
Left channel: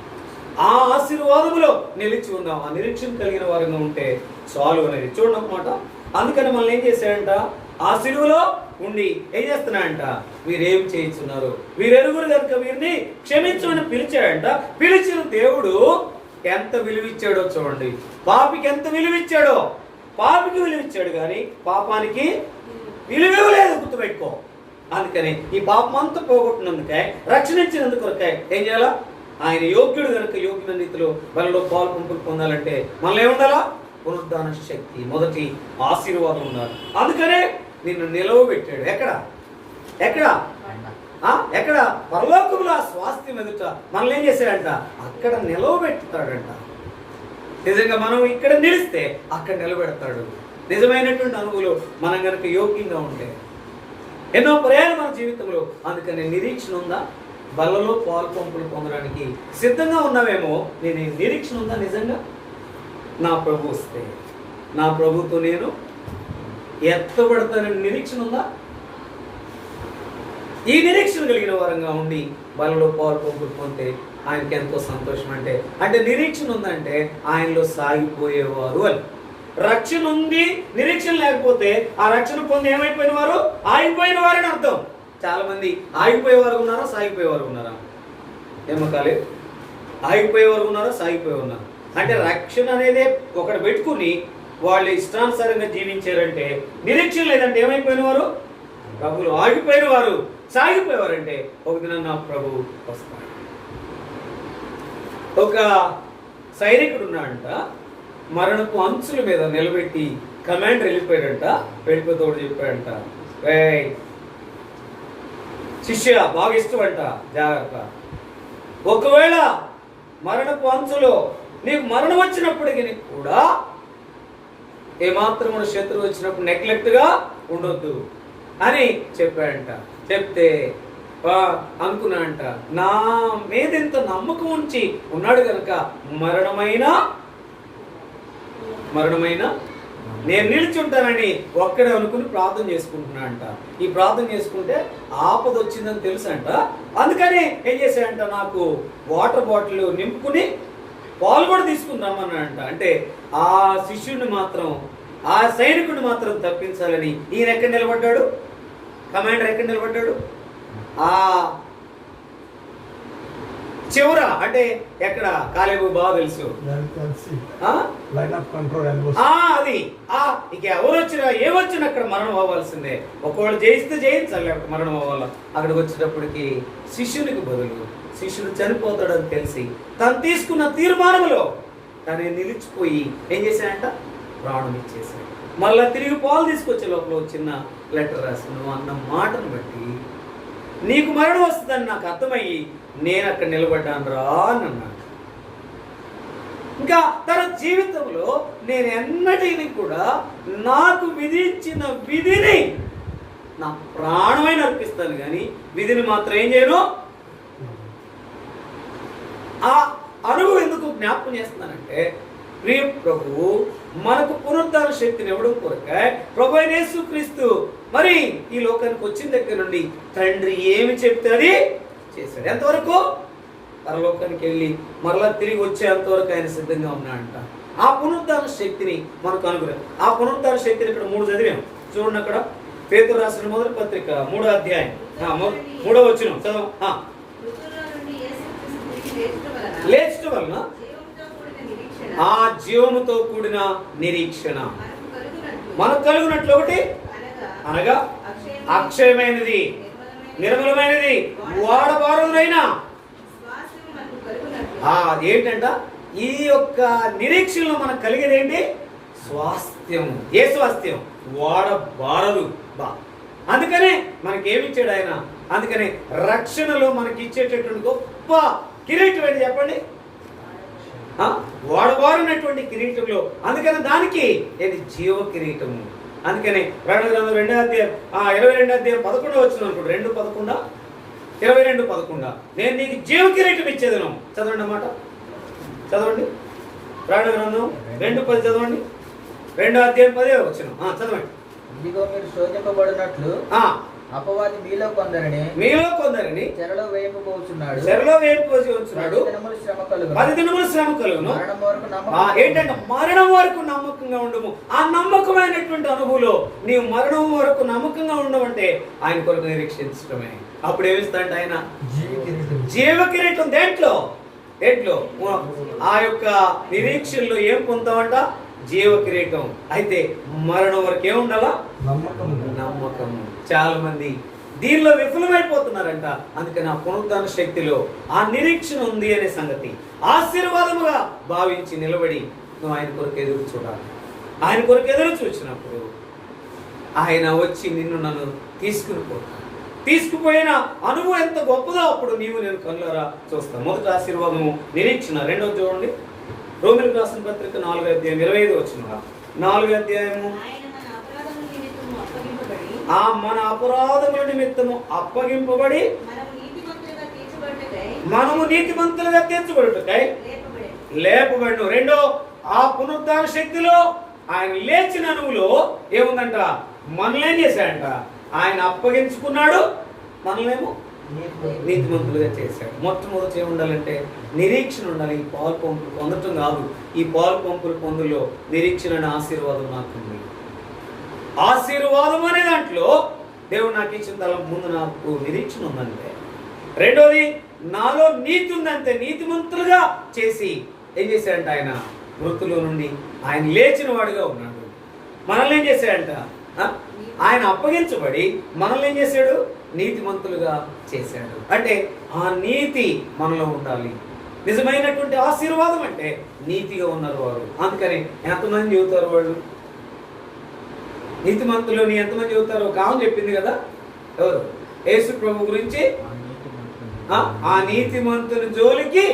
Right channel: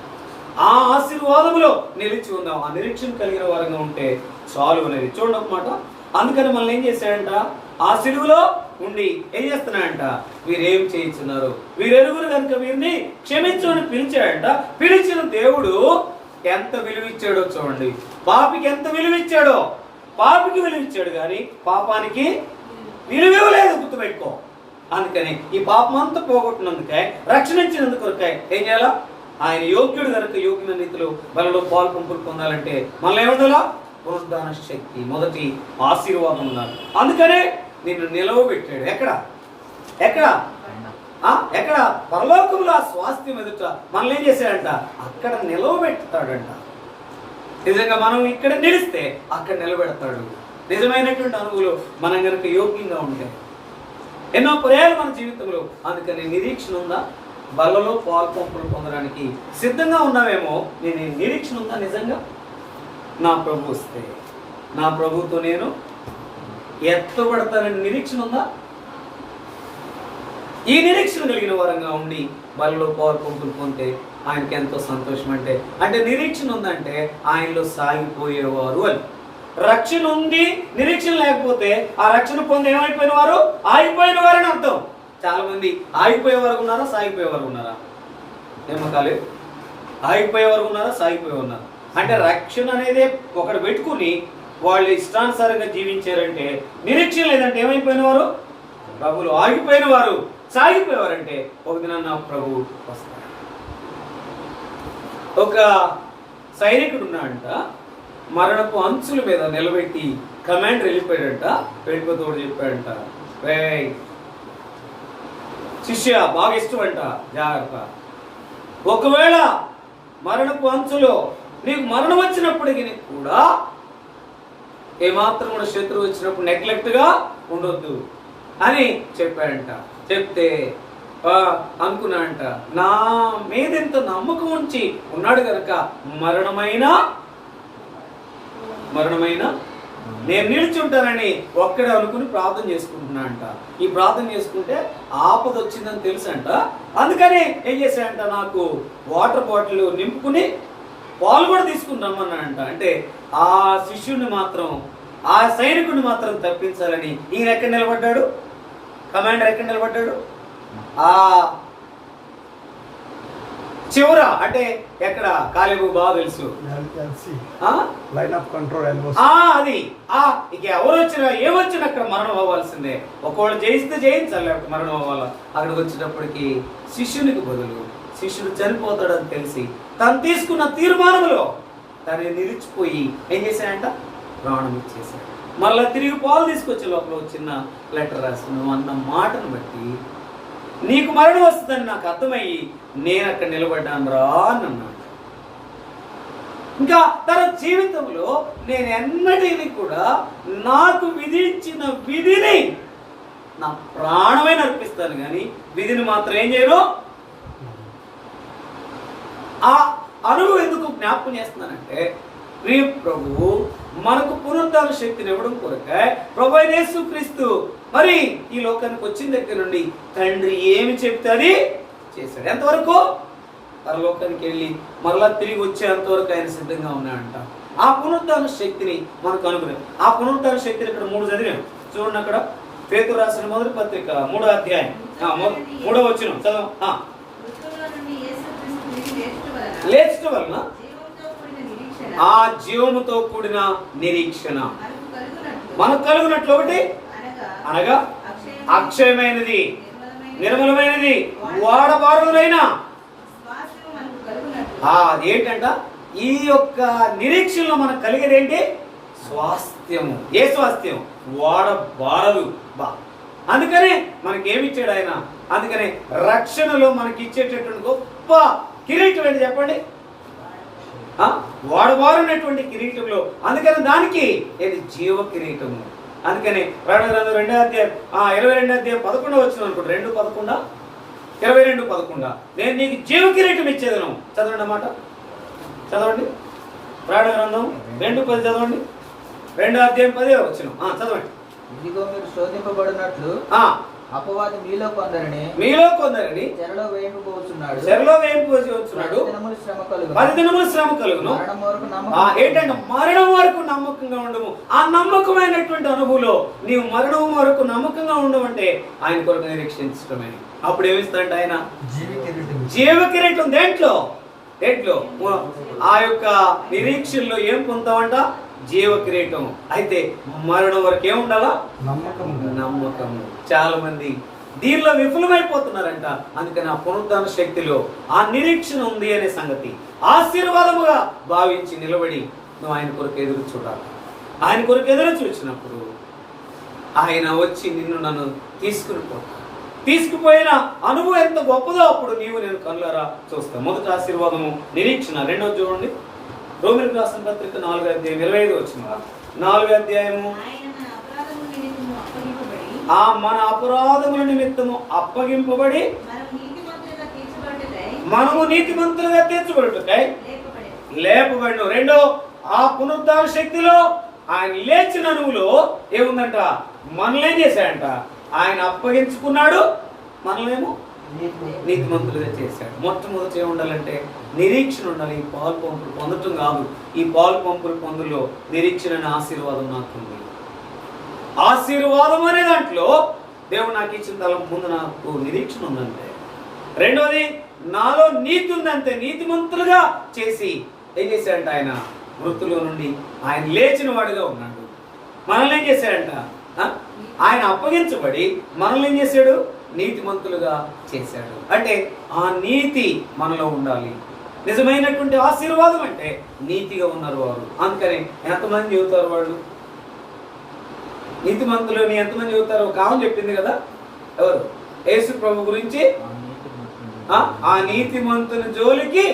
ఆ ఆశీర్వాదములో నిలిచి ఉందాం. ఆ నిరీక్షణ కలిగిన వారంగా ఉంటే చాలు అనేది చూడండి అన్నమాట. అందుకని మనల్ని ఏం చేశాడంట? ఆ సిలువలో ఉండి ఏం చేస్తున్నాడంట? వీరేం చేయించున్నారు, వీరెరుగురు కనుక వీరిని క్షమించమని పిలిచాడంట. పిలిచిన దేవుడు ఎంత విలువిచ్చాడో చూడండి. పాపికి ఎంత విలువిచ్చాడో, పాపికి విలువిచ్చాడు కానీ పాపానికి విలువివ్వలేదు. గుర్తుపెట్టుకో. అందుకని ఈ పాపం అంతా పోగొట్టినందుకే, రక్షణించినందుకు ఏం చేయాలా? ఆయన యోగ్యుడు కనుక యోగ్యుల రీతిలో వాళ్ళలో పాలు పంపులు పొందాలంటే మనల్ని ఏముండాలా? పునరుద్ధాన శక్తి, మొదటి ఆశీర్వాదం ఉండాలి. అందుకనే నిన్ను నిలవబెట్టాడు. ఎక్కడ? పరలోకంలో ఆ స్వాస్థ్యం ఎదుట మనల్ని ఏం చేశాడంట? అక్కడ నిలవబెడతాడంట. నిజంగా మనం ఇక్కడ నిలిస్తే అక్కడ నిలబెడతాడు. నిజమైనటువంటి అనుభవం మనం కనుక యోగ్యంగా ఉంటే. ఎన్నో పర్యాలు మన జీవితంలో. అందుకని నిరీక్షణ ఉందా? బలలో పాలు పంపులు పొందడానికి సిద్ధంగా ఉన్నావేమో. నేను నిరీక్షణ ఉందా నిజంగా? నా ప్రభు వస్తే నా ప్రభుతో నేను ఎత్తబడతానని నిరీక్షణ ఉందా? ఈ నిరీక్షణ కలిగిన వారంగా ఉండి బలలో పాలు పంపులు పొందితే ఆయనకి ఎంతో సంతోషం. అంటే నిరీక్షణ ఉందంటే ఆయనలో సాగిపోయేవారు అని. రక్షణ ఉంది, నిరీక్షణ లేకపోతే ఆ రక్షణ పొంది ఏమైపోయిన వారు? ఆగిపోయిన వారని అర్థం. చాలా మంది ఆగిపోయేవారు ఉన్నారా, సాగిపోయేవారు ఉన్నారా? ఏమకాలి? ఆగిపోయేవారు ఉన్నారా, సాగిపోయేవారు ఉన్నారా? అంటే రక్షణ అనేది ఒకటి పెట్టుకుని వాళ్ళు ఇష్టానుసారంగా జీవించారంటే నిరీక్షణ లేదంటే ఏమైపోయిన వారు? ప్రభులు ఆగిపోయిన వారు, సాగిపోయేవారంటే ఒక దిన నా ప్రభువు వస్తాడు. ఒక సైనికుడు ఉన్నాడంట, మరణపు అంచుల మీద నిలబెట్టి కమాండర్ వెళ్ళిపోయాడంట. వెళ్ళిపోతోడు చెప్పాడంట, శిష్య బాగా ఇష్టం అంట, జాగ్రత్త, ఒకవేళ మరణపు అంచులో నీకు మరణం వచ్చినప్పటికీ కూడా ఏమాత్రం కూడా శత్రువు వచ్చినప్పుడు నెగ్లెక్ట్గా ఉండొద్దు అని చెప్పాడంట. చెప్తే అనుకున్నాడంట, నా మీద ఎంత నమ్మకం ఉంచి ఉన్నాడు కనుక మరణమైనా నేను నిల్చుంటానని ఒక్కడే అనుకుని ప్రార్థన చేసుకుంటున్నా అంట. ఈ ప్రార్థన చేసుకుంటే ఆపద వచ్చిందని తెలుసంట. అందుకని ఏం చేశాడంట, నాకు వాటర్ బాటిల్ నింపుకుని పాలు కూడా తీసుకుని రమ్మన్నాడంట. అంటే ఆ శిష్యుడిని మాత్రం, ఆ సైనికుడిని మాత్రం తప్పించాలని ఈయన ఎక్కడ నిలబడ్డాడు? కమాండర్ ఎక్కడ నిలబడ్డాడు? ఆ చివర అంటే ఎక్కడ కాలేబు బాగా తెలుసు లైన్ ఆఫ్ కంట్రోల్ అది ఇక ఎవరు వచ్చినా ఏమొచ్చినా అక్కడ మరణం అవ్వాల్సిందే. ఒకవేళ జయిస్తే జయించాలి, లేకపోతే మరణం అవ్వాలా. అక్కడికి వచ్చేటప్పటికి శిష్యునికి బదులు శిష్యుడు చనిపోతాడని తెలిసి తను తీసుకున్న తీర్మానంలో తను నిలిచిపోయి ఏం చేశాడంట, ప్రాణం ఇచ్చేశాడు. మళ్ళా తిరిగి పాలు తీసుకొచ్చే లోపల చిన్న లెటర్ రాసి నువ్వు అన్న మాటను బట్టి నీకు మరణం వస్తుందని నాకు అర్థమయ్యి నేను అక్కడ నిలబడ్డాను రా అని అన్నాడు. ఇంకా తన జీవితంలో నేను ఎన్నటిని కూడా నాకు విధించిన విధిని నా ప్రాణమైన అర్పిస్తాను, కానీ విధిని మాత్రం ఏం చేయను. ఆ అనుభవం ఎందుకు జ్ఞాపకం చేస్తున్నానంటే, ప్రియ ప్రభువు మనకు పునరుద్ధాన శక్తిని ఇవ్వడం కొరకే ప్రభు అయిన యేసుక్రీస్తు మరి ఈ లోకానికి వచ్చిన దగ్గర నుండి తండ్రి ఏమి చెప్తే అది చేశాడు. ఎంతవరకు? పరలోకానికి వెళ్ళి మరలా తిరిగి వచ్చేంతవరకు ఆయన సిద్ధంగా ఉన్నాడంట. ఆ పునరుద్ధాన శక్తిని మనకు అనుగ్రహం. ఆ పునరుద్ధాన శక్తిని ఇక్కడ 3 చదివాం చూడండి. అక్కడ పేతురు రాసిన మొదటి పత్రిక 3వ అధ్యాయం 3వ వచనం చదవం. లేచట వలన ఆ జీవముతో కూడిన నిరీక్షణ మనకు కలుగునట్లు ఒకటి అనగా అక్షయమైనది, నిర్మలమైనది, వాడబారుదైన ఏంటంట ఈ యొక్క నిరీక్షణలో మనకు కలిగేది ఏంటి? స్వాస్థ్యము. ఏ స్వాస్థ్యం? వాడబారదు బా. అందుకనే మనకేమిచ్చాడు ఆయన. అందుకనే రక్షణలో మనకి ఇచ్చేటటువంటి గొప్ప కిరీటం ఏంటి చెప్పండి? వాడబారినటువంటి కిరీటంలో. అందుకని దానికి ఏది? జీవ కిరీటము. అందుకని ప్రకటన గ్రంథం 2వ అధ్యాయం 22వ అధ్యాయం 11వ వచనం అనుకుంటా, 2:11 22:11 నేను నీకు జీవ కిరీటం ఇచ్చేదను. చదవండి అన్నమాట, చదవండి. ప్రకటన గ్రంథం 2:10 చదవండి. 2వ అధ్యాయం 10వ వచనం చదవండి. ఇదిగో మీరు శోధింపబడినట్లు అపవాది మీలో కొందరిని చెరలో వేయించుకొచ్చున్నాడు. 10 దినములు శ్రమ కలుగును. ఏంటంటే మరణం వరకు నమ్మకంగా ఉండము. ఆ నమ్మకమైనటువంటి అనుభవంలో నీవు మరణం వరకు నమ్మకంగా ఉండమంటే ఆయన కొరకు నిరీక్షించడమే. అప్పుడు ఏమిస్తాడంటే ఆయన జీవ కిరీటం. దేంట్లో ఆ యొక్క నిరీక్షణలో ఏం పొందుతామంట? జీవ కిరీటం. అయితే మరణం వరకు ఏముండాలా? నమ్మకము. చాలా మంది దీనిలో విఫలమైపోతున్నారంట. అందుకని ఆ పునరుద్ధాన శక్తిలో ఆ నిరీక్షణ ఉంది అనే సంగతి ఆశీర్వాదముగా భావించి నిలబడి నువ్వు ఆయన కొరకు ఎదురు చూడాలి. ఆయన కొరకు ఎదురు చూసినప్పుడు ఆయన వచ్చి నిన్ను నన్ను తీసుకుపోయిన అనుభవం ఎంత గొప్పదో అప్పుడు నీవు నేను కళ్ళారా చూస్తాను. మొదటి ఆశీర్వాదము నిరీక్షణ. 2వ చూడండి, రోమిలకు రాసిన పత్రిక 4వ అధ్యాయం 25వ వచనం. 4వ అధ్యాయము మన అపరాధముల నిమిత్తము అప్పగింపబడి మనము నీతిమంతులుగా తీర్చబడుటకై లేపబడి. 2వ ఆ పునరుద్ధాన శక్తిలో ఆయన లేచిన అనువులో ఏముందంట? మనల్ని ఏం చేశాడంట? ఆయన అప్పగించుకున్నాడు, మనల్నేమో నీతిమంతులుగా చేశాడు. మొట్టమొదటి ఏముండాలంటే నిరీక్షణ ఉండాలి. ఈ పాలు పంపులు పొందటం కాదు, ఈ పాలు పంపులు పొందులో నిరీక్షణ అనే ఆశీర్వాదం నాకుంది. ఆశీర్వాదం అనే దాంట్లో దేవుడు నాకు ఇచ్చిన తల ముందు నాకు నిరీక్షణ ఉందంటే. 2వది నాలో నీతి ఉందంటే నీతిమంతులుగా చేసి ఏం చేశాడంట? ఆయన మృతుల నుండి ఆయన లేచిన వాడిగా ఉన్నాడు. మనల్ని ఏం చేశాడంట? ఆయన అప్పగించబడి మనల్ని ఏం చేశాడు? నీతిమంతులుగా చేశాడు. అంటే ఆ నీతి మనలో ఉండాలి. నిజమైనటువంటి ఆశీర్వాదం అంటే నీతిగా ఉన్నారు వారు. అందుకని ఎంతమంది చెబుతారు వాళ్ళు నీతిమంతులని? ఎంతమంది చెబుతారు? ఒక ఆమె చెప్పింది కదా, ఎవరు? యేసు ప్రభు గురించి ఆ నీతిమంతుల జోలికి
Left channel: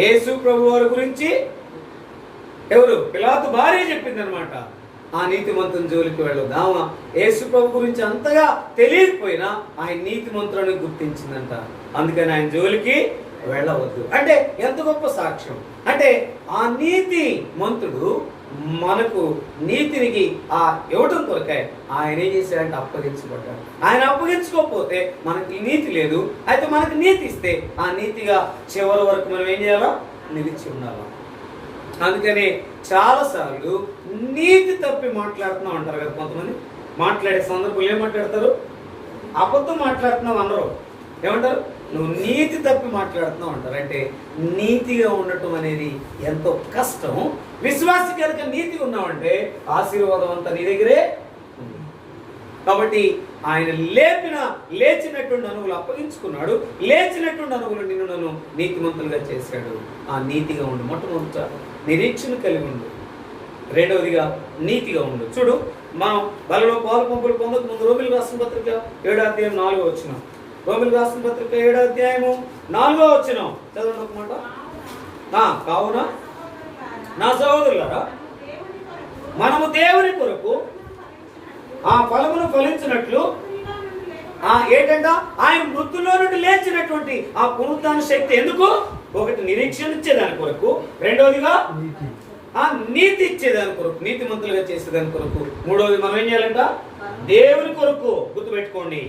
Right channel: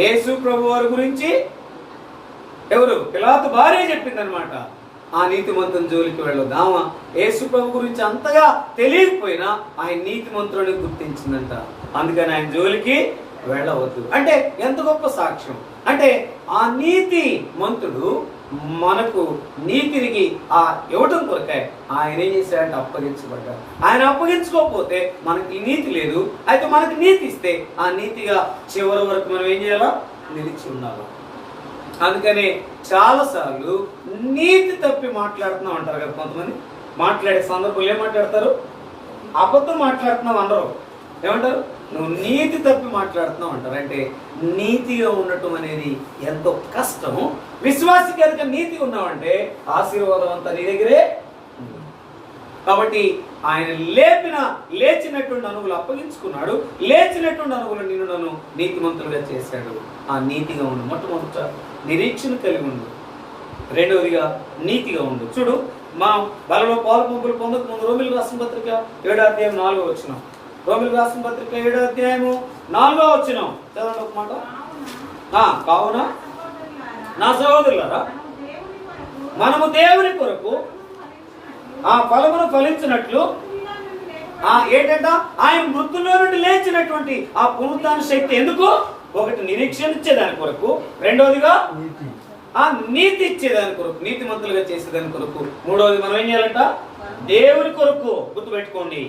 యేసు ప్రభు వారి గురించి ఎవరు? పిలాతు భార్య చెప్పింది అనమాట. ఆ నీతిమంతుల జోలికి వెళ్ళదు. ఆమె యేసు ప్రభు గురించి అంతగా తెలియకపోయినా ఆయన నీతిమంతులని గుర్తించిందంట. అందుకని ఆయన జోలికి వెళ్ళవద్దు. అంటే ఎంత గొప్ప సాక్ష్యం! అంటే ఆ నీతి మంతుడు మనకు నీతికి ఇవ్వటం కొరకే ఆయన ఏం చేశాడంటే అప్పగించబడ్డాడు. ఆయన అప్పగించుకోకపోతే మనకి నీతి లేదు. అయితే మనకి నీతి ఇస్తే ఆ నీతిగా చివరి వరకు మనం ఏం చేయాలా? నిలిచి ఉండాలి. అందుకని చాలాసార్లు నీతి తప్పి మాట్లాడుతున్నాం అంటారు కదా కొంతమంది. మాట్లాడే సందర్భంలో ఏం మాట్లాడతారు? అబద్ధం మాట్లాడుతున్నావు అందరూ ఏమంటారు, నువ్వు నీతి తప్పి మాట్లాడుతున్నావు అంటారు. అంటే నీతిగా ఉండటం అనేది ఎంతో కష్టము. విశ్వాసి కనుక నీతి ఉన్నావంటే ఆశీర్వాదం అంతా నీ దగ్గరే ఉంది. కాబట్టి ఆయన లేచినటువంటి అనువులు అప్పగించుకున్నాడు. లేచినటువంటి అనువులు నిన్ను నన్ను నీతిమంతులుగా చేశాడు. ఆ నీతిగా ఉండు. మొట్టమొదట నిరీక్షణ కలిగి ఉండు. రెండవదిగా నీతిగా ఉండు. చూడు, మనం బలలో పాలు పంపులు పొందక ముందు రోమిలకు రాసిన పత్రిక 7వ అధ్యాయం 4వ వచనం. రోమిలకు రాసిన పత్రిక 7వ అధ్యాయము 4వ వచనం చదవండి ఒక మాట. కావున నా సహోదరులారా, మనము దేవుని కొరకు ఆ ఫలమును ఫలించినట్లు ఏంటంట, ఆయన మృతుల్లో నుండి లేచినటువంటి ఆ పునరుద్ధాన శక్తి ఎందుకు? ఒకటి నిరీక్షణ ఇచ్చేదాని కొరకు, రెండవదిగా ఆ నీతి ఇచ్చేదాని కొరకు, నీతిమంతులుగా చేసేదాని కొరకు, మూడవది మనం ఏం చేయాలంట, దేవుని కొరకు. గుర్తుపెట్టుకోండి,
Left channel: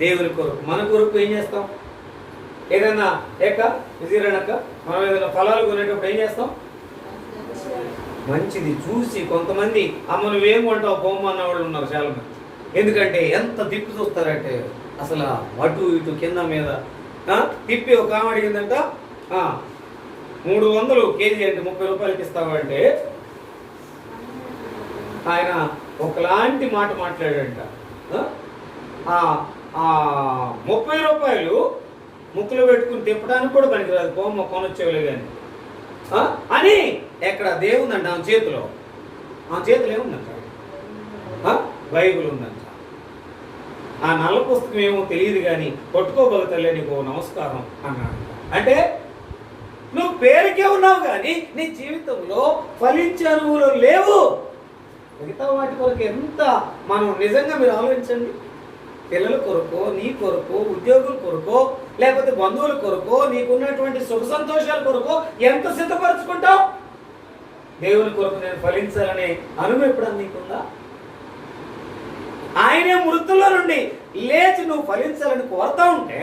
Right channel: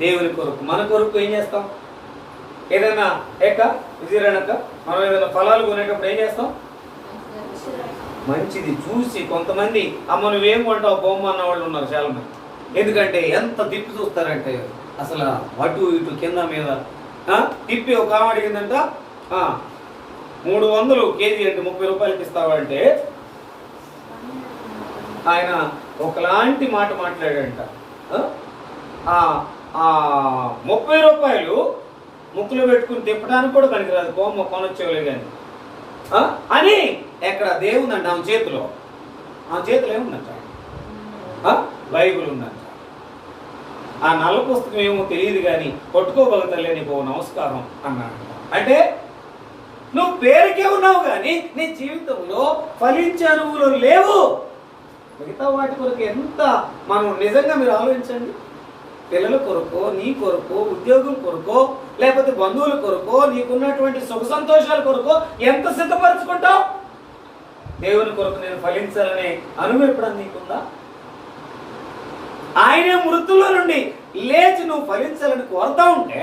దేవుని కొరకు. మన కొరకు ఏం చేస్తాం? ఏదైనా విజయనక మనం ఏదైనా ఫలాలు కొనేటప్పుడు ఏం చేస్తాం? మంచిది చూసి. కొంతమంది అమ్మ నువ్వేం కొంటావు బొమ్మ అన్న వాళ్ళు ఉన్నారు చాలా మంది. ఎందుకంటే ఎంత తిప్పి చూస్తారంటే అసలు అటు ఇటు కింద మీద తిప్పి ఒక ఆమె అడిగిందంట 300 కేజీ అంటే 30 రూపాయలకి ఇస్తావా అంటే ఆయన ఒకలాంటి మాట మాట్లాడాడంట. 30 రూపాయలు ముక్కులో పెట్టుకుని తిప్పడానికి కూడా పనికిరాదు, కోమ్మ కొనొచ్చేవాళ్ళే కానీ అని. ఎక్కడ దేవుందంట ఆమె చేతిలో ఏముందంట? బైబుల్ ఉందంట. ఆ నల్ల పుస్తకం ఏమో తెలియదు కానీ కొట్టుకోగలుగుతలే నీకు నమస్కారం అన్నాడు. అంటే నువ్వు పేరుకే ఉన్నావు కానీ నీ జీవితంలో ఫలించే అనువులు లేవు. మిగతా వాటి కొరకు ఎంత మనం నిజంగా మీరు ఆలోచించండి. పిల్లల కొరకు, నీ కొరకు, ఉద్యోగుల కొరకు, లేకపోతే బంధువుల కొరకు, నీకున్నటువంటి సుఖ సంతోషాల కొరకు ఎంత సిద్ధపరచుకుంటావు? దేవుని కొరకు నేను ఫలించాలనే అనుభవం ఎప్పుడన్నా నీకుందా? ఆయనే మృతుల్లో నుండి లేచి నువ్వు ఫలించాలని కోరుతా ఉంటే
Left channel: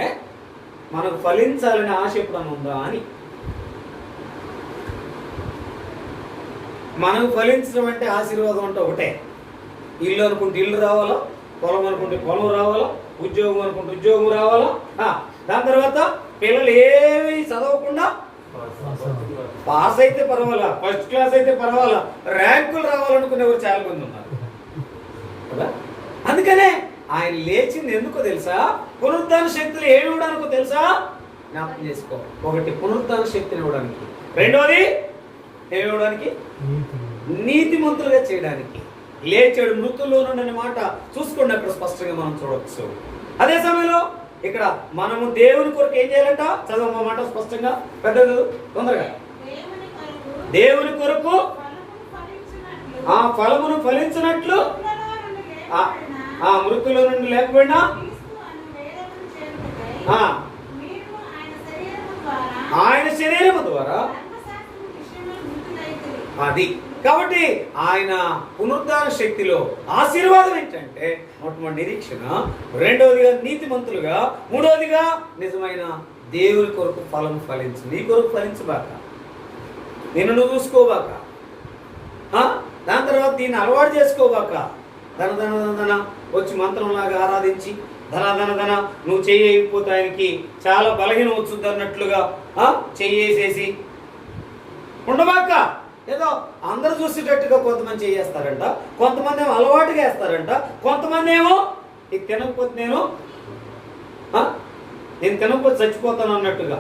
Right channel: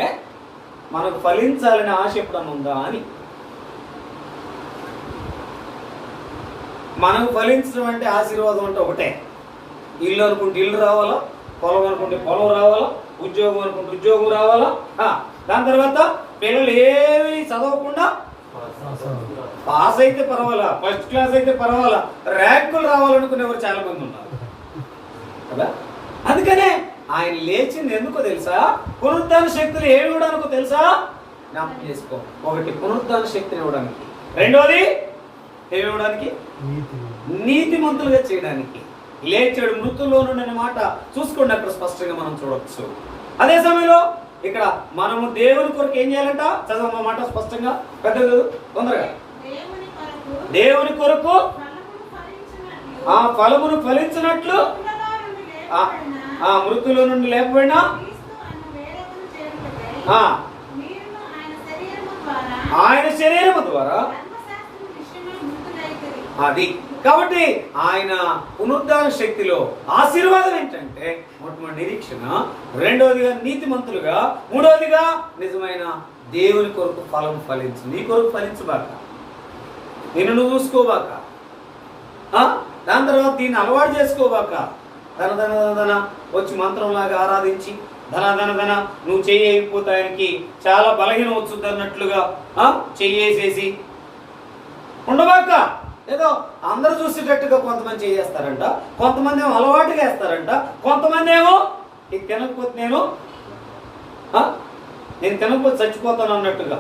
మనకు ఫలించాలనే ఆశ ఎప్పుడన్నా ఉందా అని. మనం ఫలించడం అంటే ఆశీర్వాదం అంటే ఒకటే. ఇల్లు అనుకుంటే ఇల్లు రావాలా, పొలం అనుకుంటే పొలం రావాలా, ఉద్యోగం అనుకుంటే ఉద్యోగం రావాలా. దాని తర్వాత పిల్లలు ఏమీ చదవకుండా పాస్ అయితే పర్వాలా, ఫస్ట్ క్లాస్ అయితే పర్వాలా, ర్యాంకులు రావాలనుకునేవారు చాలా మంది ఉన్నారు కదా. అందుకనే ఆయన లేచింది ఎందుకో తెలుసా? పునరుద్ధాన శక్తులు ఏమి ఇవ్వడానికో తెలుసా? జ్ఞాపకం చేసుకో. ఒకటి పునరుద్ధాన శక్తిని ఇవ్వడానికి, రెండోది ఏమి ఇవ్వడానికి? నీతిమంతులుగా చేయడానికి. లేచాడు మృతుల్లో నుండి మాట చూసుకోండి, అక్కడ స్పష్టంగా మనం చూడవచ్చు. అదే సమయంలో ఇక్కడ మనము దేవుని కొరకు ఏం చేయాలంట? చదవ మాట స్పష్టంగా, పెద్ద తొందరగా. దేవుని కొరకు ఆ ఫలమును ఫలించినట్లు ఆ మృతుల నుండి లేకపోయినా ఆయన శరీరము ద్వారా అది. కాబట్టి ఆయన పునరుద్ధాన శక్తిలో ఆశీర్వాదం ఏంటంటే మొట్టమొదటి నిరీక్షణ, రెండవదిగా నీతిమంతులుగా, మూడవదిగా నిజమైన దేవుని కొరకు ఫలం ఫలించు. నీ కొరకు ఫలించబాక, నిన్ను నువ్వు చూసుకోబాక, దాని తర్వాత దీన్ని అలవాటు చేసుకోబాక. ధన ధన ధన వచ్చి మంత్రంలాగా ఆరాధించి ధన ధన ధన నువ్వు చెయ్యకపోతే ఆయనకి చాలా బలహీనం వచ్చుద్ది అన్నట్లుగా చెయ్యేసేసి ఉండబాక. ఏదో అందరూ చూసేటట్టుగా కొంతమంది చేస్తారంట, కొంతమంది ఏమో అలవాటుగా వేస్తారంట, కొంతమంది ఏమో ఇది తినకపోతే నేను తినకపోతే చచ్చిపోతాను అన్నట్టుగా.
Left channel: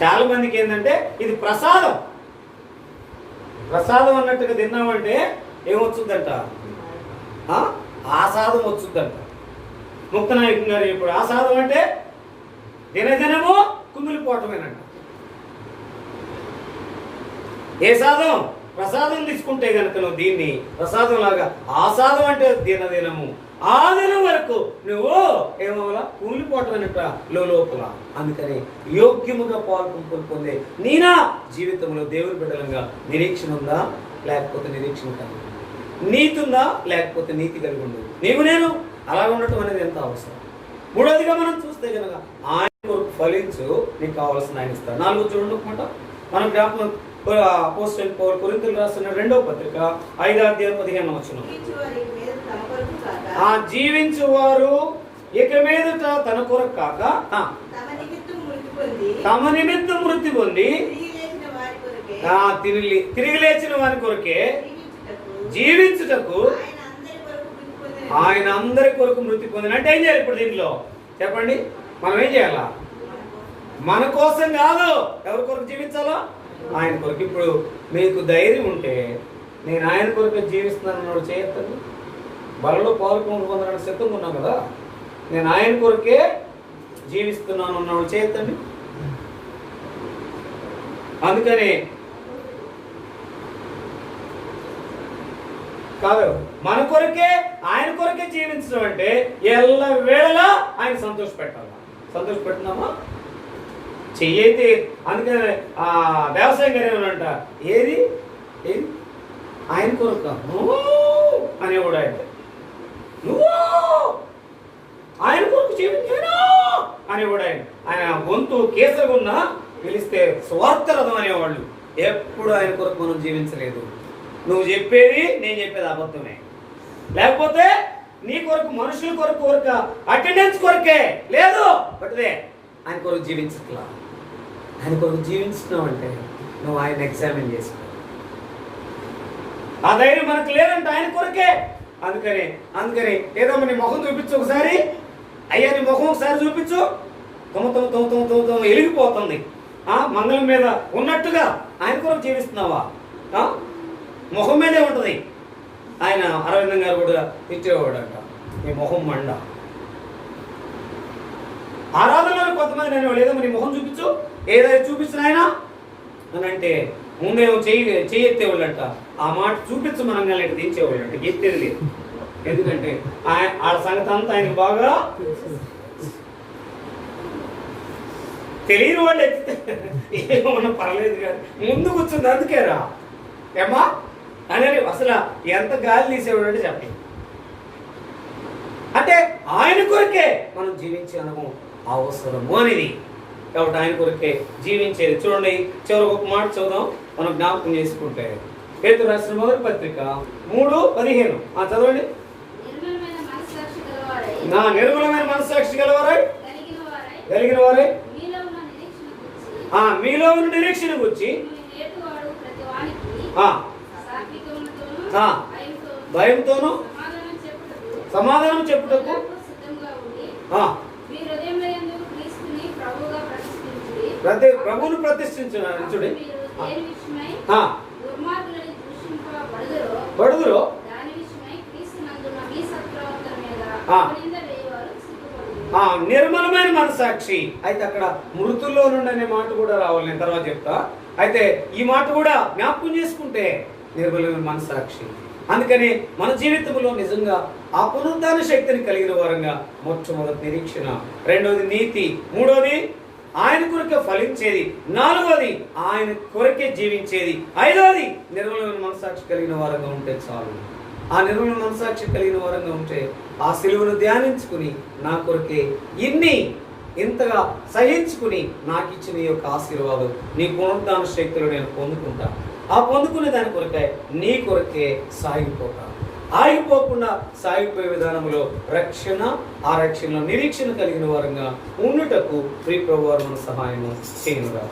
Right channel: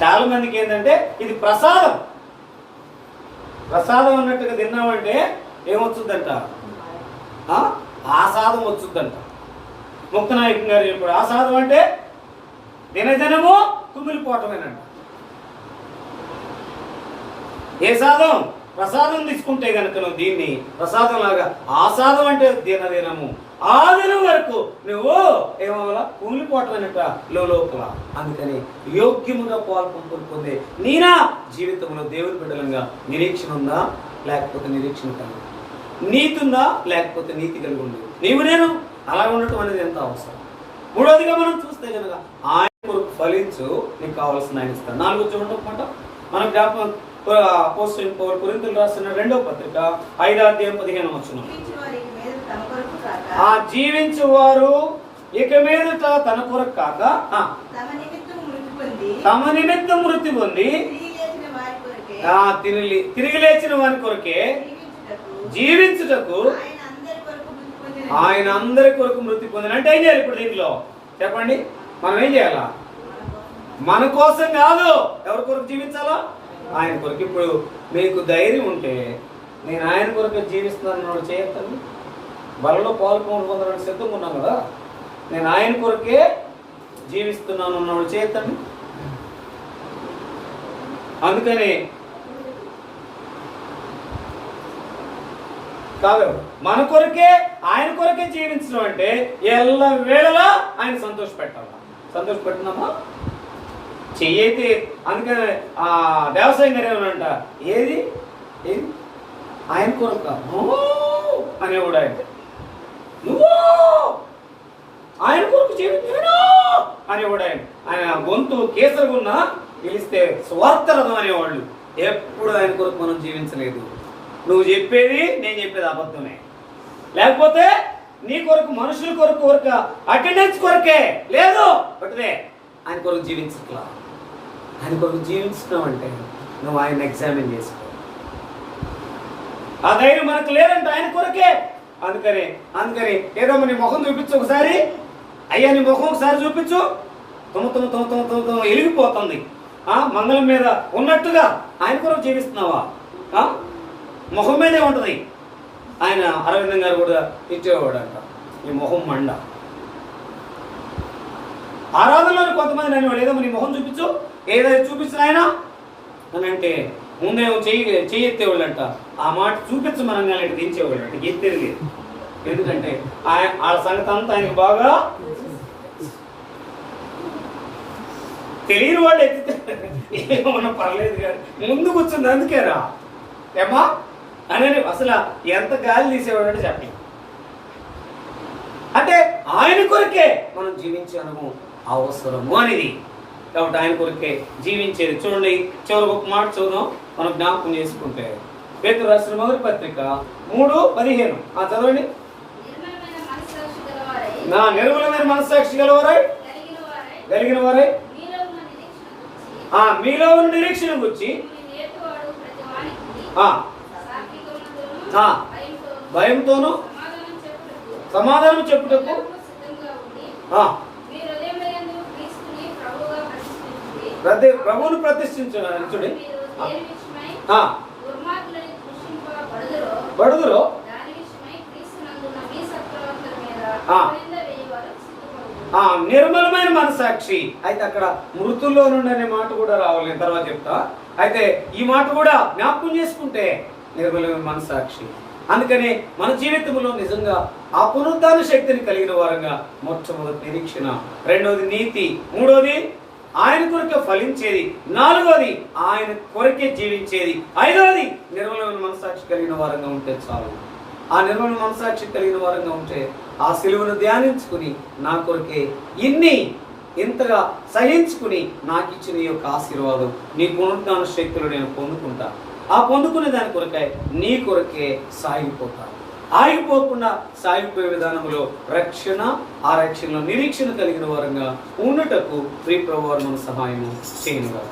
చాలా మందికి ఏంటంటే ఇది ప్రసాదం అన్నట్టుగా తిన్నామంటే ఏమొచ్చుద్దంట? ఆసాదం వచ్చుద్దంట. ముక్తనాయకం గారు చెప్పాడు, ఆసాదం అంటే దినదినము కుమిలిపోవటమేనంట. ఏ సాధం? ప్రసాదం తీసుకుంటే కనుక నువ్వు దీన్ని ప్రసాదం లాగా, ఆసాదం అంటే దినదినము, ఆ దినం వరకు నువ్వు ఏమవలా కూలిపోవటం అనేట లోపల. అందుకని యోగ్యముగా పాల్పొందులు పొందే నీనా జీవితంలో దేవుని బిడ్డలంగా నిరీక్షణ ఉందా లేకపోతే నిరీక్షణ కలిగి, నీతి ఉందా లేకపోతే నీతి కలిగి ఉండదు. నీవు నేను అలా ఉండటం అనేది ఎంత అవసరం. మూడవదిగా మనం చూస్తే కనుక ఆయన కొరకు ఫలించు, నీకు కావాల్సిన ఆయన ఇస్తాడు. 4 చూడమాట మనం జ్ఞాపకం అపోస్తలుడు పౌలు కొరింథీయులకు రాసిన 2వ పత్రిక 5వ అధ్యాయం 15వ వచనం. జీవించువారు ఇక మీదట తన కొరకు కాక తమ నిమిత్తం మృతి పొంది తిరిగి లేచిన వారి కొరకే జీవించుటకు ఆయన అందరి కొరకు మృతి పొందిన. అంటే ఏం చేయాలి ఇప్పుడు దీంట్లో చెప్పండి? మనం ఏం చేయాలా? మన కోసం కాదు, ఎవరి కొరకు జీవించాలా? ఆయన కొరకు. ఇప్పుడు మీకు ధైర్యం ఉంటే నేను ఆయన కొరకు జీవిస్తున్నాను చేయొద్దండి. బలలో పొందడానికి సిద్ధంగా ఉన్నాను కదా, నేను ఆయన కొరకే జీవిస్తున్నాను అన్నవాడు చేయొద్దండి. అందుకని కాదు, మన కొరకే ఆయన కొరకే జీవించడం అంటే ఎల్ల వేళలా ఆయన సంతోషపెట్టాలా? సంతోషపెట్టినామా? చెయ్యైతే అందుకని వ్యవసాయం గారు ఏమనంట, ఏది ఆయన కొరక అనేవాడు. ఆయన నువ్వు ఆయన కొరకు జీవించాను అనేవాడు. ఆయన గొంతు కేసరగా ఉన్నా పిలిస్తే స్వార్థ రథం అనేవాళ్ళు. ఎప్పుడు ఆయన కొరకు మనం జీవించలేదు. నువ్వు చెప్పేది నేను చెప్పేది అబద్ధమే. లేకపోతే నీ కొరకు మనుషుల కొరకు అటెండెన్స్ కొరకే లేదు, బట్దే ఆయన కొరకు జీవించట్లా. ఆయన కొరకు జీవించున్నావు అంటే నువ్వు ఆయన ఎగ్జామిన్ చేసుకో. ఆ ధైర్యం మనకు లేదంటే ఆయన కొరకే. అందుకని ఏదో నీ ముఖం చూపించు ఒకసారి. అయ్యా నీ ముఖం ఒకసారి చూపించు. తమ ఎలిగిపోతుంది. మంగళం మీద ఉన్నట్టుగా ఆయన కొరకు జీవిస్తున్నావా? ముఖం మీదే ఉంటుంది. ఆయన అరవిందం గారు కూడా ఇచ్చేవాడంట, ఈ మొహం మండ. ఆరాధనలో కొంతమంది అనేవాడు, ఏదో నీ మొహం చూపించు, ఏదైనా చూపించిన ఆయన అని అంటే ముందేమో చెయ్యి ఎత్తేవాళ్ళంట. ఆ మాట చూపించమనగా దించేవాళ్ళంట, ఎత్తేది లేదు. ఎందుకంటే ఆ సంగతి అంతా ఆయనకు బాగా తెలియని వాళ్ళు ఎత్తితే ఏమన్నా పర్లేదు కానీ ముందు కూర్చుంది అందుకేరా ఏమా అని అసలు ఎంత గాలి తీసేవాడు అంటే చెప్పండి. అంటే ఆయన కొరకే మనం జీవించే అనుభవం అవసరము అనేది. కాబట్టి ఆయన కొరకే జీవించేది. చూడండి, చివరికి ఒక మాట చదువుదాం, మనం జ్ఞాపకం చేసుకుంటే. పేతురు రాసిన మొదటి పత్రిక 3:15 చదవండి. నా నిర్మలమైన మనస్సాక్షి కలిగిన వారై మీలో ఉన్న నిరీక్షణ గురించి భయంతోనూ సమాధానం చెప్పుటకు ప్రభువును ప్రతిష్ఠించుడి. బడుదురో నిర్మలమైన మనసాక్షి. అయితే అక్కడ మృతుల్లో నుండి అనే మాట కూడా రావాలి, నేను తర్వాత చెప్తా. అయితే ఈ మాట కూడా జ్ఞాపకం చేసుకుంటే నిర్మలమైన మనసాక్షి. అందుకని మన జీవితంలో నిజంగా ఆ పునరుద్ధాన శక్తిని కలిగిన వారంగా మొట్టమొదటి నిరీక్షణ, రెండోది నీతి, మూడోది ఆయన కొరకే ఫలించేది, నాలుగోది ఆయన కొరకే జీవించేది, ఐదోది నిర్మలమైన మనసాక్షి కలిగిన వారంగా ఉంటే చాలు. ఆ నిర్మల మనసాక్షి కలిగిన వారంగా ఉంటే ఆ సిలువను ధ్యానించుకుని నా కొరకే ఇంతగా సహించుకుని నాకు ఇచ్చిన ఈ యొక్క ఆశీర్వాదం, నీ పునరుద్ధాన శక్తులు నేను పొందుకుంటా. ఆ పొందుకునే దాని కొరకే నీ కొరకే సాగిపోతా. ఆగిపోకుండా సాగిపోయే విధానంలో రక్షణ, ఆ రక్షణలో నిరీక్షణ కలిగిన వారంగా ఉండుటకు ప్రియ ప్రభువు మన సహాయము చేయనుగా.